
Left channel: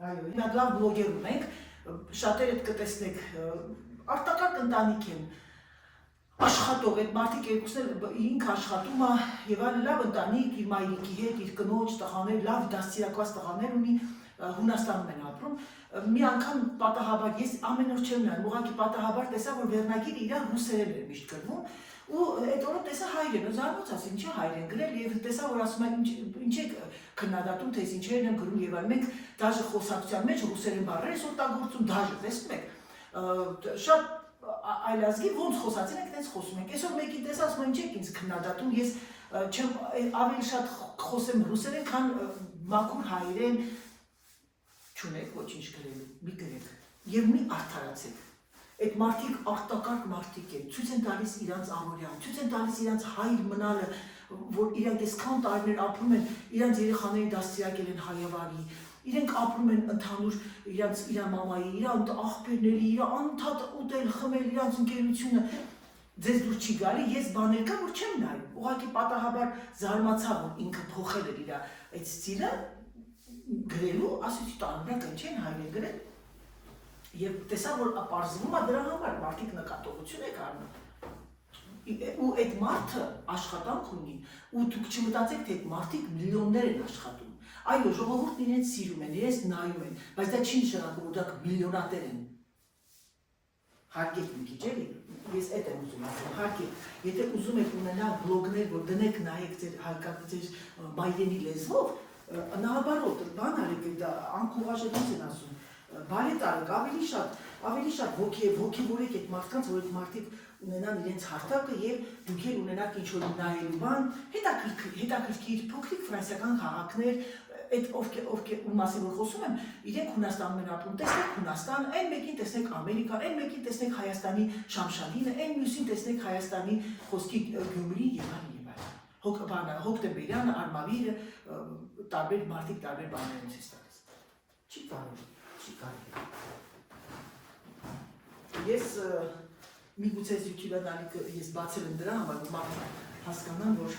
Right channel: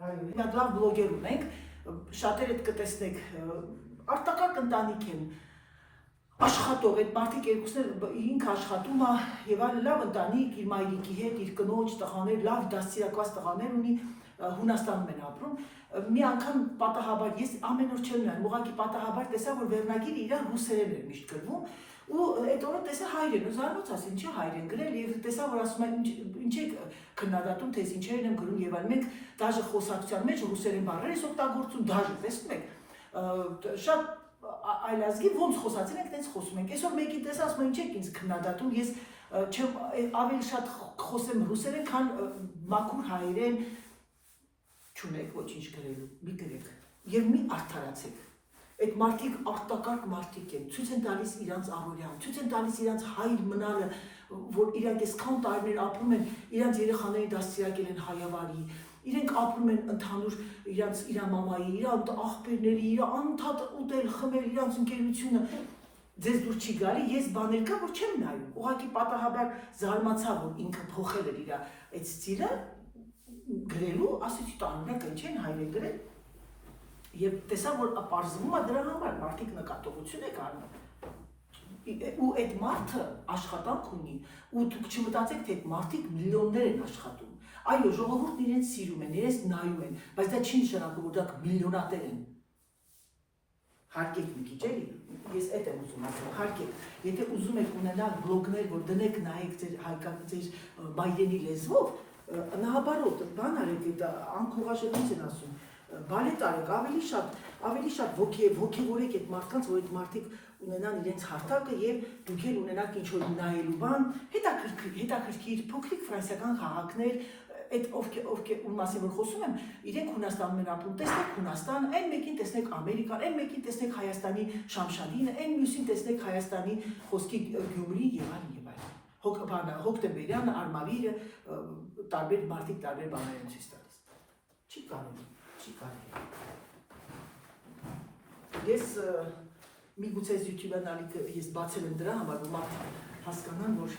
այո, հիմա լավ բլոգեր ունենք, շատերդ կտեսնեք, արտակարգ ընտանիք են, աշխատող, այդ մարդիկ երկուսն ինքը աշխատում է և այլ լավ ընտանիք, իր մայրիկի հետ, իր կնոջ տղաներ, լավ դաստիարակված տղաներ ունի, Հունաստանում են ապրում, մի անգամ պատահաբար, ես ամեն օր չեմ նայում, ուղղակի պատահաբար տեսա, որ վերնագիրը իրան ռուսերեն էր միշտ գրվում, ու այդ օրը տեսա հայրեն, ու զարմացած ինչի հայրեն գրել, և տեսա, որ ասում է ինչ եք քննադատում, թե ինչերն եմ գրում և այլ, մենք դաժե խոսակցության մեջ ռուսերեն բառեր ես օգտագործում, դաժե, տեսնում եք, շատ այլազգի ոնց խոսացին եք, տենց խոսում ենք, այսօր մեկին տեսա, ասում են ինչ եք ինձ քննադատում, ես չեմ ավելի շատ խոսեմ ռուսերեն, քան մաքուր հայերեն, չունեք ոչինչ գրելու, մի գրեք և մի արդարացեք, այդ մարդիկ արտակարգ մարդիկ են, ցույց են տալիս իրանց առօրյան, ցույց են տալիս իրանց հայր մնալը, որ իրանք այսքան տարիներ ապրում են, իրանց երեխաներին դաստիարակել են հայավարի, իրենք ապրում են ընդհանուր իրան մամայի, իրան աղբերների, իրան անընդհատ ուտել, խմել, իրանց ընկերությունը ձեզ դուր չի գալի, ես բաներ կա, որ չեմ նայում, ուղղակի պատահաբար զարմացա, որ ինքը փոխել էր իր այդ ստիլը գրելու, ասեցի տարօրինակ ինչ են հայրեն գրել և տեսա, որ պարզվում է դրա համար, մարդիկ նկատողություն եք անում ու այդ մարդը աշխատանք ունի ու դուք չմտածեք, թե այդ մարդիկ միլիոններ են աշխատում այո, ժողովուրդն իրենց սիրում են, իրենց նայում են, բայց դա չի նշանակում, որ դրանք միլիոնատեր են Հարկեք մի քիչ էլի, ես այդ եմ ուզում ասել, հարկեք, եթե ուզում եք ունենալ բլոգներ, որ դնեք նայեք ձեր հայկական ձեր մայրենի լեզվով, նահաբարոտ, բան արեք, դա անքուղաշետից են ասում, բարետ արեք, ավելի շատ ոգևորեք այդ մարդկանց, որ այդ մարդիկ ունենան իրենց հարթակը եւ դուք էլ ունենաք ինչ-որ նայելու բան, հետաքրքիր փոքրիկ ֆրանսիական քաղաքներ, այդ ովքեր ու մասին որ խոսում եմ, իրենք Հունաստանում են ապրում, տեսնեք Հունաստան, այն մեկին տեսնեք Ամերիկան, այն մեկին տեսնեք Հայաստանի Շամշադինը, այն մյուսին տեսնեք Հայաստանի խոսքի Գյումրին եւ այլն։ Հոկտեմբերյանը, Արմավիրը, տարբեր մարդիկ տարբեր բաներ են ցույց տալիս։ Չի կարելի։ Ես միգուցե YouTube ալիքը ես բացել եմ դրա համար, որ մարդիկ հասկանան, որ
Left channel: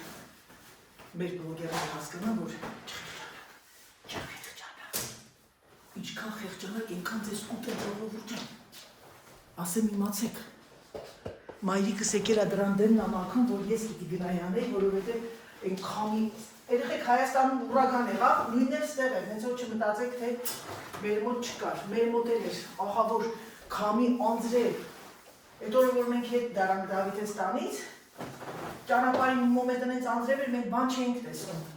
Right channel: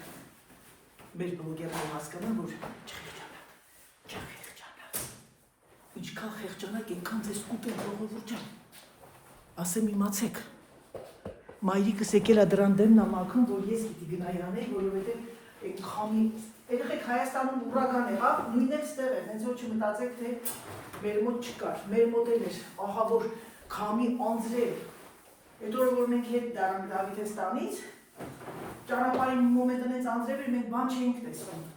մեր բլոգերները հասկանան, որ ինչքան խեղճանակ, այնքան ձեզ կուտեն ժողովուրդ ջան։ Ասեմ իմացեք։ Մայրիկս եկել է դրան դեմն ամաքում, որ ես պիտի գնայի անեի, որովհետև այն քամի երեխեք Հայաստանում ուրագան եղավ, նույնն էլ ստեղ էր, հենց որ չմտածեք, թե մեր մոտ չկար, մեր մոտ էր ահավոր քամի անձրև։ Այդ օրը որ մենք հետ դարանք Դավիթեստանից, ճանապարհի մոմենտն այնց անձրև էր, մենք բան չէինք տեսնում։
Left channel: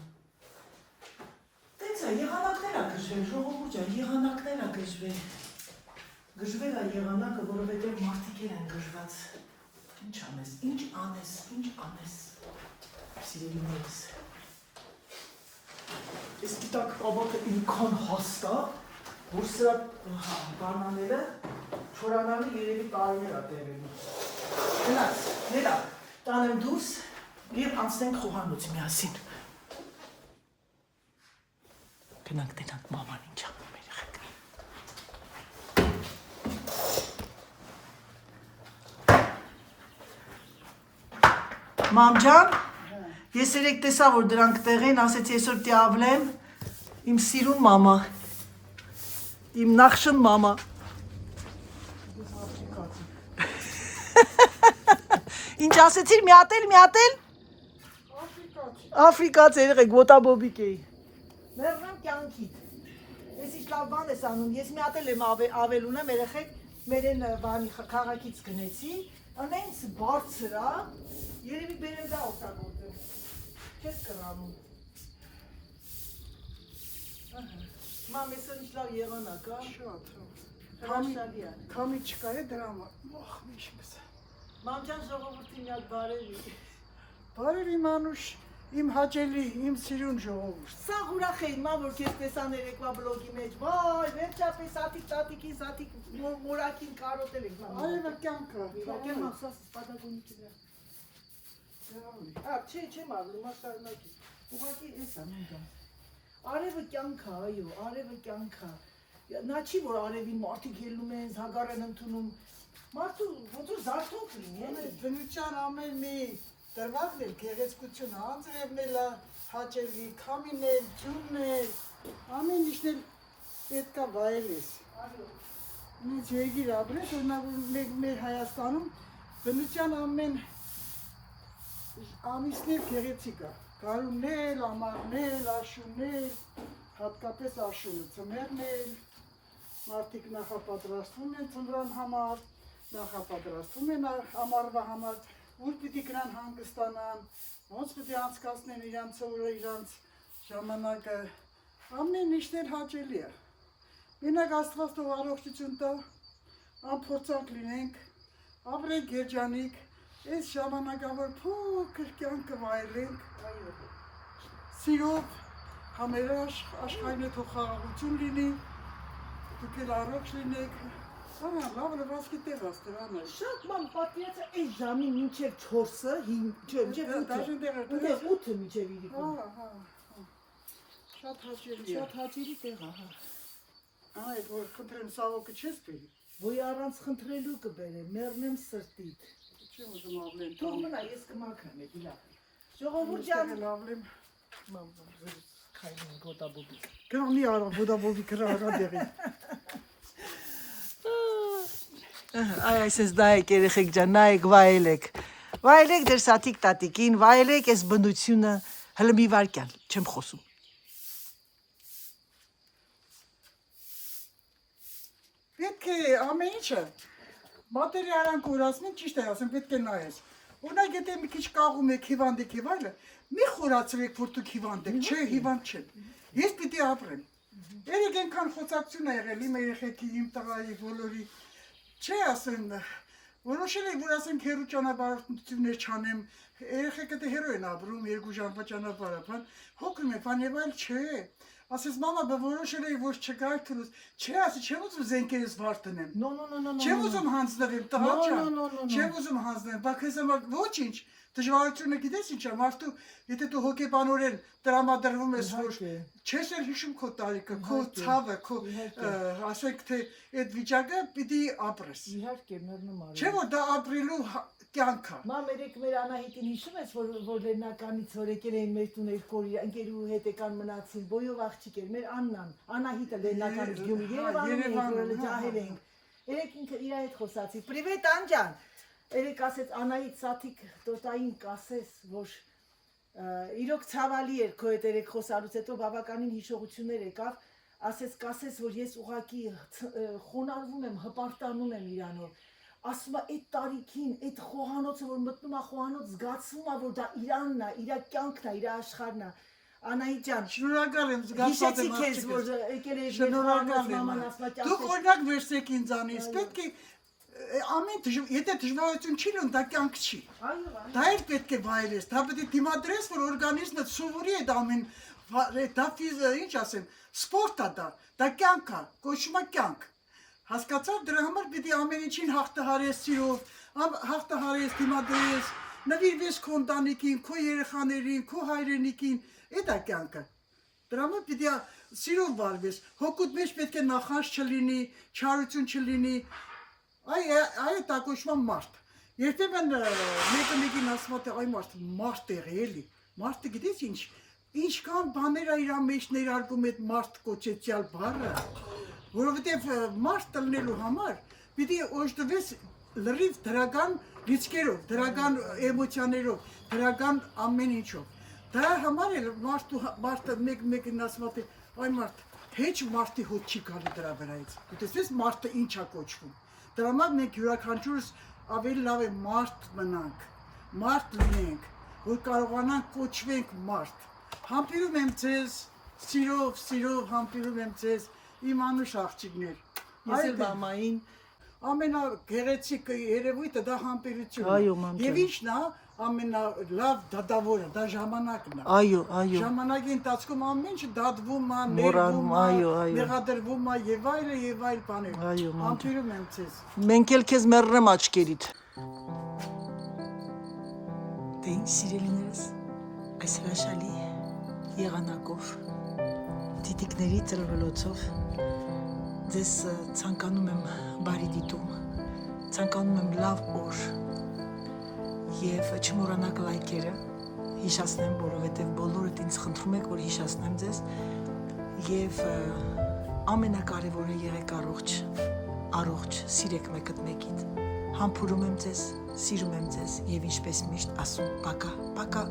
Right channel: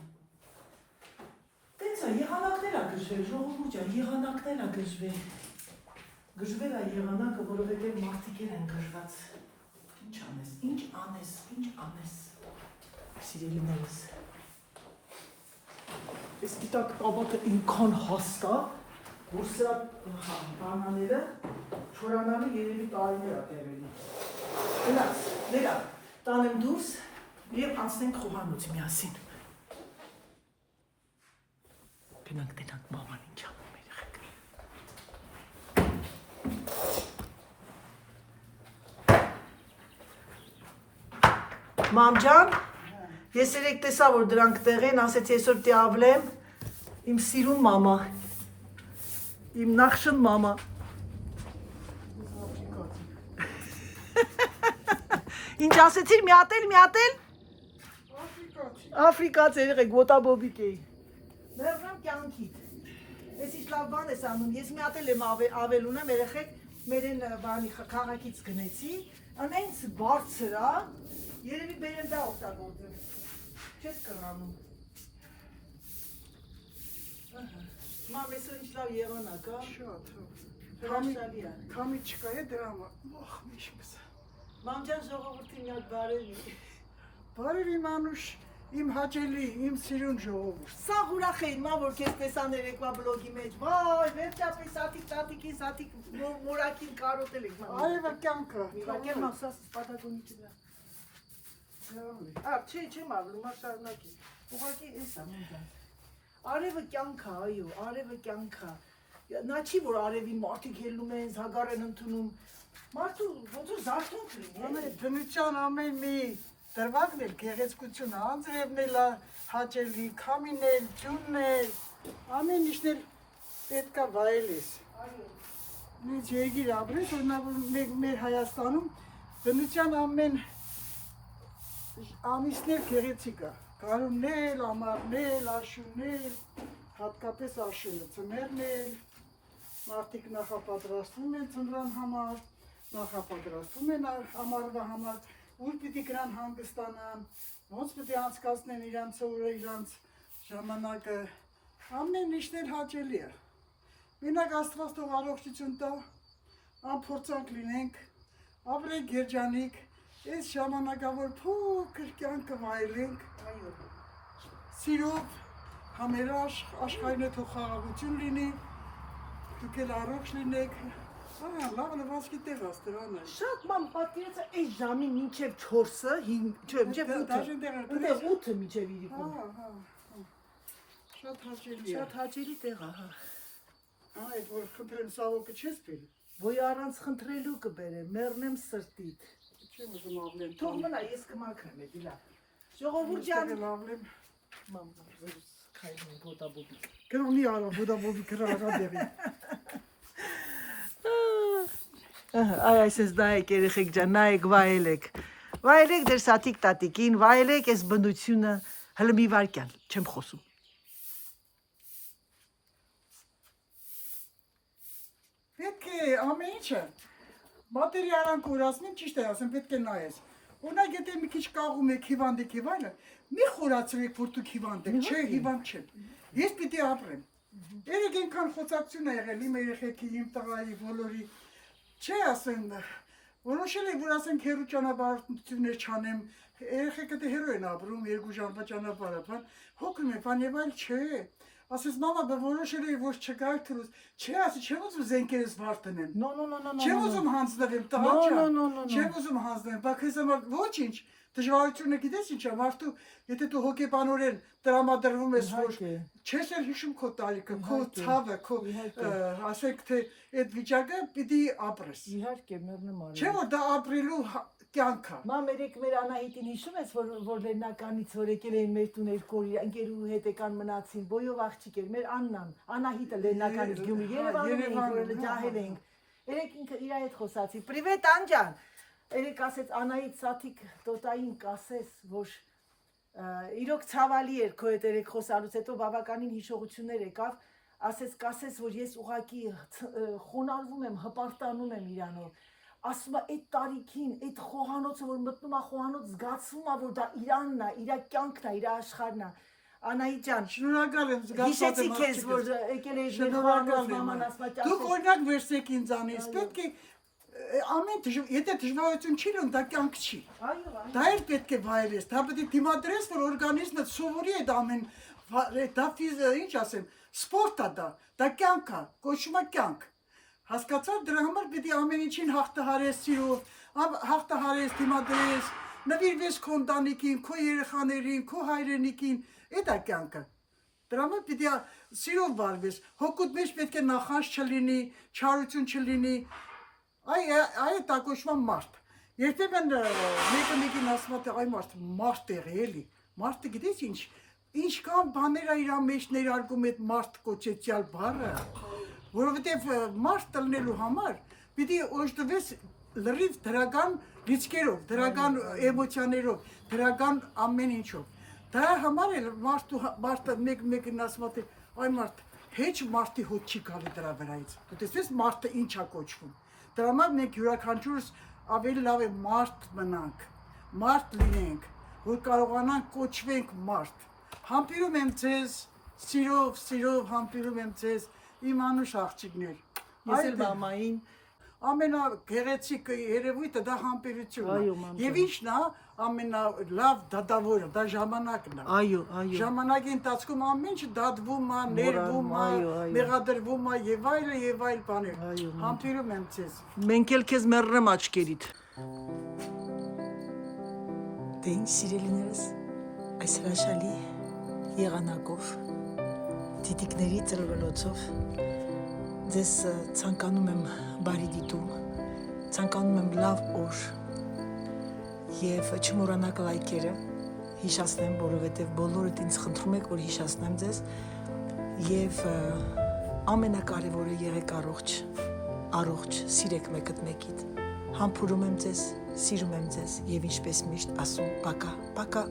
Տենց է, եղանակներ ա գժվել, ժողովուրդ ջան, եղանակներ ա գժվել։ Գժվել ա եղանակը, որովհետև մարդիկ են գժված։ Ինչ անես, սիրելիներս։ Ես գիտակ պապատը ինքան հաստա, որ սրա բանաները չորանալը երևի տարիներ ա տևելու։ Լերակ, տանեմ դուրս և անցնենք խոհանոց միասին։ Գնանք մաման ինչ անում երեխեք։ Մամ ջան, ես երեք տեսա, որ դրանք տեղ են, ասեցի այսօր տի ավլեմ, իմ սիրուն մամա, իմ նախշն մամա։ Ինչ ասեցիր, մի հատել։ Աֆրիկաց երեխեք, ոտաբոբիկ էի։ Մերվան կյանքիտ, ես ինչ լավ բան ես անում, ես մի հատել եմ ավելուն եմ երեխեք, մեր են բանի քաղաքից գնեցի, անենց բարձրա, երևի բերեմ դա օգտագործեմ, չես կրանում։ Մամ, ես ինչ լավ եղանակ, հրաշալի է։ Քամի չկա է դրա մոխ միշպես։ Մամ ջան ժողովրդին մի հատ բարևի։ Բարևի մանուշ, իմ հաճելի, իմ սիրուն ժողովուրդ։ Սաղ ուրախ էին, մա, որ քեզ տեսան երեկվա բլոգի մեջ, վայ, վերջապես ատիկ մորակին կարոտել ենք, մամ։ Արևը կյանքը։ Միվակել մամ, սա սպատագոնի չդրա։ Չէ, մավլում, շարունակի։ Ուղղակի էս է, մամ ջան։ Արևը կյանքը, այո, արևը կյանքը։ Նա չի, որ արևին մարդիկ ելնում են, զագար են ընդունում։ Մարդու ոնց որ զարթոնք լինի։ Բնության ամեն մի դրվագն էլ գեղեցկությունը, անձրևն էլ հաճելի, քամին էլ, ջուրն էլ, ամեն ինչն էլ պետք է վայելես։ Այո։ Ինչ եկիր ապրես, օրինակ մեր Հայաստանում բնության ամեն ամիսներ գեղեցիկ է։ Գարունն, ամառն, աշունն, հատկապես աշունը, ձմեռն էլ, մարդիկ նախապատրաստվում են ձմռան համար, նախապատրաստվում են ամառվա համար, ուր պիտի գնան հանգստանան, ոնց պիտի անցկացնեն իրանց օրը, իրանց ժամանակը, ամեն ինչն էլ հաճելի է։ Մենակ Աստված թող առողջություն տա, անփորձանք լինենք, ապրենք երջանիկ, այս ժամանակավոր փոքր կյանքը վայելենք, սիրով, համերաշխ, աշխարհին թող խաղաղություն լինի, դուք էլ առողջ լինեք, լավ լվացքի տեղ աստ դրան է։ Շատ ման պատկերացա այս ժամին մինչև 4-ը, մինչև 8-ը մինչև իրիկում։ Շատ հաճելի է։ Շատ հաճելի տեղ է, հա։ Այդ որ խնդրեմ սավոկը չես բերի։ Ոյ առանց խնդրելու կբերեմ, մեռնեմ սրտիդ։ Չեմ ուզում ավլեմ։ Թող մնա, ես կմաքրեմ, էդի լավ։ Ժողովուրդ ջան, ավլեմ։ մամ, քայլում գոտաբոբիկ։ Գնի արա գոտաբոբիկ հրա դերի։ Այ այսպես նայեք երեխեք ջան, նայեք վայելեք։ Վայելեք դեր սատիկ տատիկին, վայելեք այս բնությունը, հələ մի վարքյան, չեմ խոսում։ Պետք է ամեն ինչը Մատերիալան կորացնի, ճիշտ է ասեմ, պետք է նայես։ Օրինակ, եթե մի քիչ կաղում եք հիվանդիկ եւ այլը, մի խորացրեք, որ դուք հիվանդ եք, չէ, հիվանդ չեք։ Ես պիտի ապրեմ։ Երեք այնքան խոսակցություն ա եղել իմ երեխեքի, իմ տղայի, բոլորի։ Չէ ասեն, որոշել եք, որ ասենք հերու ճանապարհություններ չանեմ, երեխեքը դե հերու են ապրում, 2 ժամվա ճանապարհը, բան, հոգնում է, բան եւ այլ չէ։ Ասես մամա, բա որոշել էի, որ չգայ թրուս։ Չէ, ասի, չեմ ուզում զենքերս վար տնեմ։ Չեմ ուզում հանձնվեմ, տղա ջան։ Չեմ ուզում հանձնվեմ, բա քեզ համար ոչինչ։ Դժվարությունը գիտես ինչ է, մարդու, եթե դու հոգեբանորեն տրամադրվում ես, որ չես էլ հիշում քո տարիքը, քո ցավը, քո ասենք թե այդ վիճակը պիտի ապրես։ Իհարկե, նորմալ։ Չէ՞ որ դա ապրելու կյանք է։ Մամ, երեք մեր Անահիտին հիշում ես, որ լեռնականից որ եկել էին մեր տուն երկու ընկերուհու հետ եկան մնացին, բոյով աղջիկ էր, մեր Աննան, Անահիտը լեռնականից Գյումրի, Երևանում ջահել էինք։ Երեք ինքը իր հետ խոսացի։ Պրիվետ Անջան։ Երեք ասեց Անահիտ Սաթիկ տոտային կասես, որ իրոք ցավալի էր քո հետ երեք խոսալուց հետո բավականին հիշողություններ եկավ, ասեց կասես, որ ես ուղակի խոնարհվում եմ, հպարտանում եմ իրանով։ Ասում է այդ տարիքին, այդ խոհանոցը, որ մտնում է խոհանոց, զգացվում է, որ դա Իրանն է, իր կյանքն է, իր աշխարհն է։ Անահիտ ջան, շնորհակալ եմ, զգացած եմ աղջիկս, որ եկել ես շնորհակալ եմ։ Դուք օրինակ վերցեք ինձանից, պետք է ամեն եթե դժվարություն չի լինում, դա կյանք չի։ Դա էլ պետք է վայելես, դա պետք է դիմադրես, որ օրգանիզմը սովորի այդ ամեն, դա ինչ ասեմ, սպորտ է դա կյանք է, կոչվում է կյանք։ Հասկացա՞ր, դրա համար պետք է ամեն ինչին հաղթահարես սիրով, հաղթահարես, դիմադրես, նվիրվես քո ընտանիքին, քո երեխաներին, քո հայրենիքին, այդ է կյանքը։ Դրա համար պետք է սիրով վարվես, հոգուդ մեջ պետք է նախանձ չլինի, չարություն չլինի, այ դա կոչվում է մարդ։ Երբեմն մեկը մեկին ասում է, այ մարդ եղի էլի, մարդը գիտես ինչքան բաներ է իր մեջ ներարկում այդ մարդ կոչեցյալ բառը, որովհետև մարդ տնելու համար պիտի օժտվես լրիվ դրական լիցքերով, դրական էմոցիաներով, դրական ամեն ինչով։ Դա համար էլ մարդը մեկն ասում է, այ մարդ, հեչ մարդի հոտ չի գալի դրա վրայից։ Դու տեսնես մարդը ինչ է կոչվում։ Դրա համար մենք յուրաքանչյուրս ավելի լավ է մարդ մնանք, մարդ լինենք, որ կարողանանք կոչվենք մարդ։ Համբերում եմ ձեզ, սիրով համբերում եմ ձեզ, իմ անուշ աղջիկներ։ ես էլ մամային ամենագեղեցիկ երևույթը դա համբերությունն է։ Եվ ինչն է ամենալավ դատավորը, դա ժամանակն է։ Այո։ Ժամանակի ընթացքում ամեն ինչ դատվում է, ներվում է, մեղադրվում է եւ այլ բաներ։ Համբերում եմ ձեզ։ Մենք էլ քեզ մեռնեմ աչքերիդ։ Դե ինչ սիրելիներս, այս հրաշալի եղանակով, դիտիկների ծրվելոցով ձեզ ցանկանում եմ բարի դիտում, ցանկանում եմ լավ օր եւ չմոռանաք լայքերը հիշացնեմ, որովհետեւ բոլորդ ինձ խնդրում եք, որ հիշացնեմ ձեզ եւ ամենակարևորը եղեք առողջ, սիրեք մեկդ մեկիդ, համբուրում եմ ձեզ, սիրում եմ ձեզ եւ ինչպես միշտ ասում, պակա։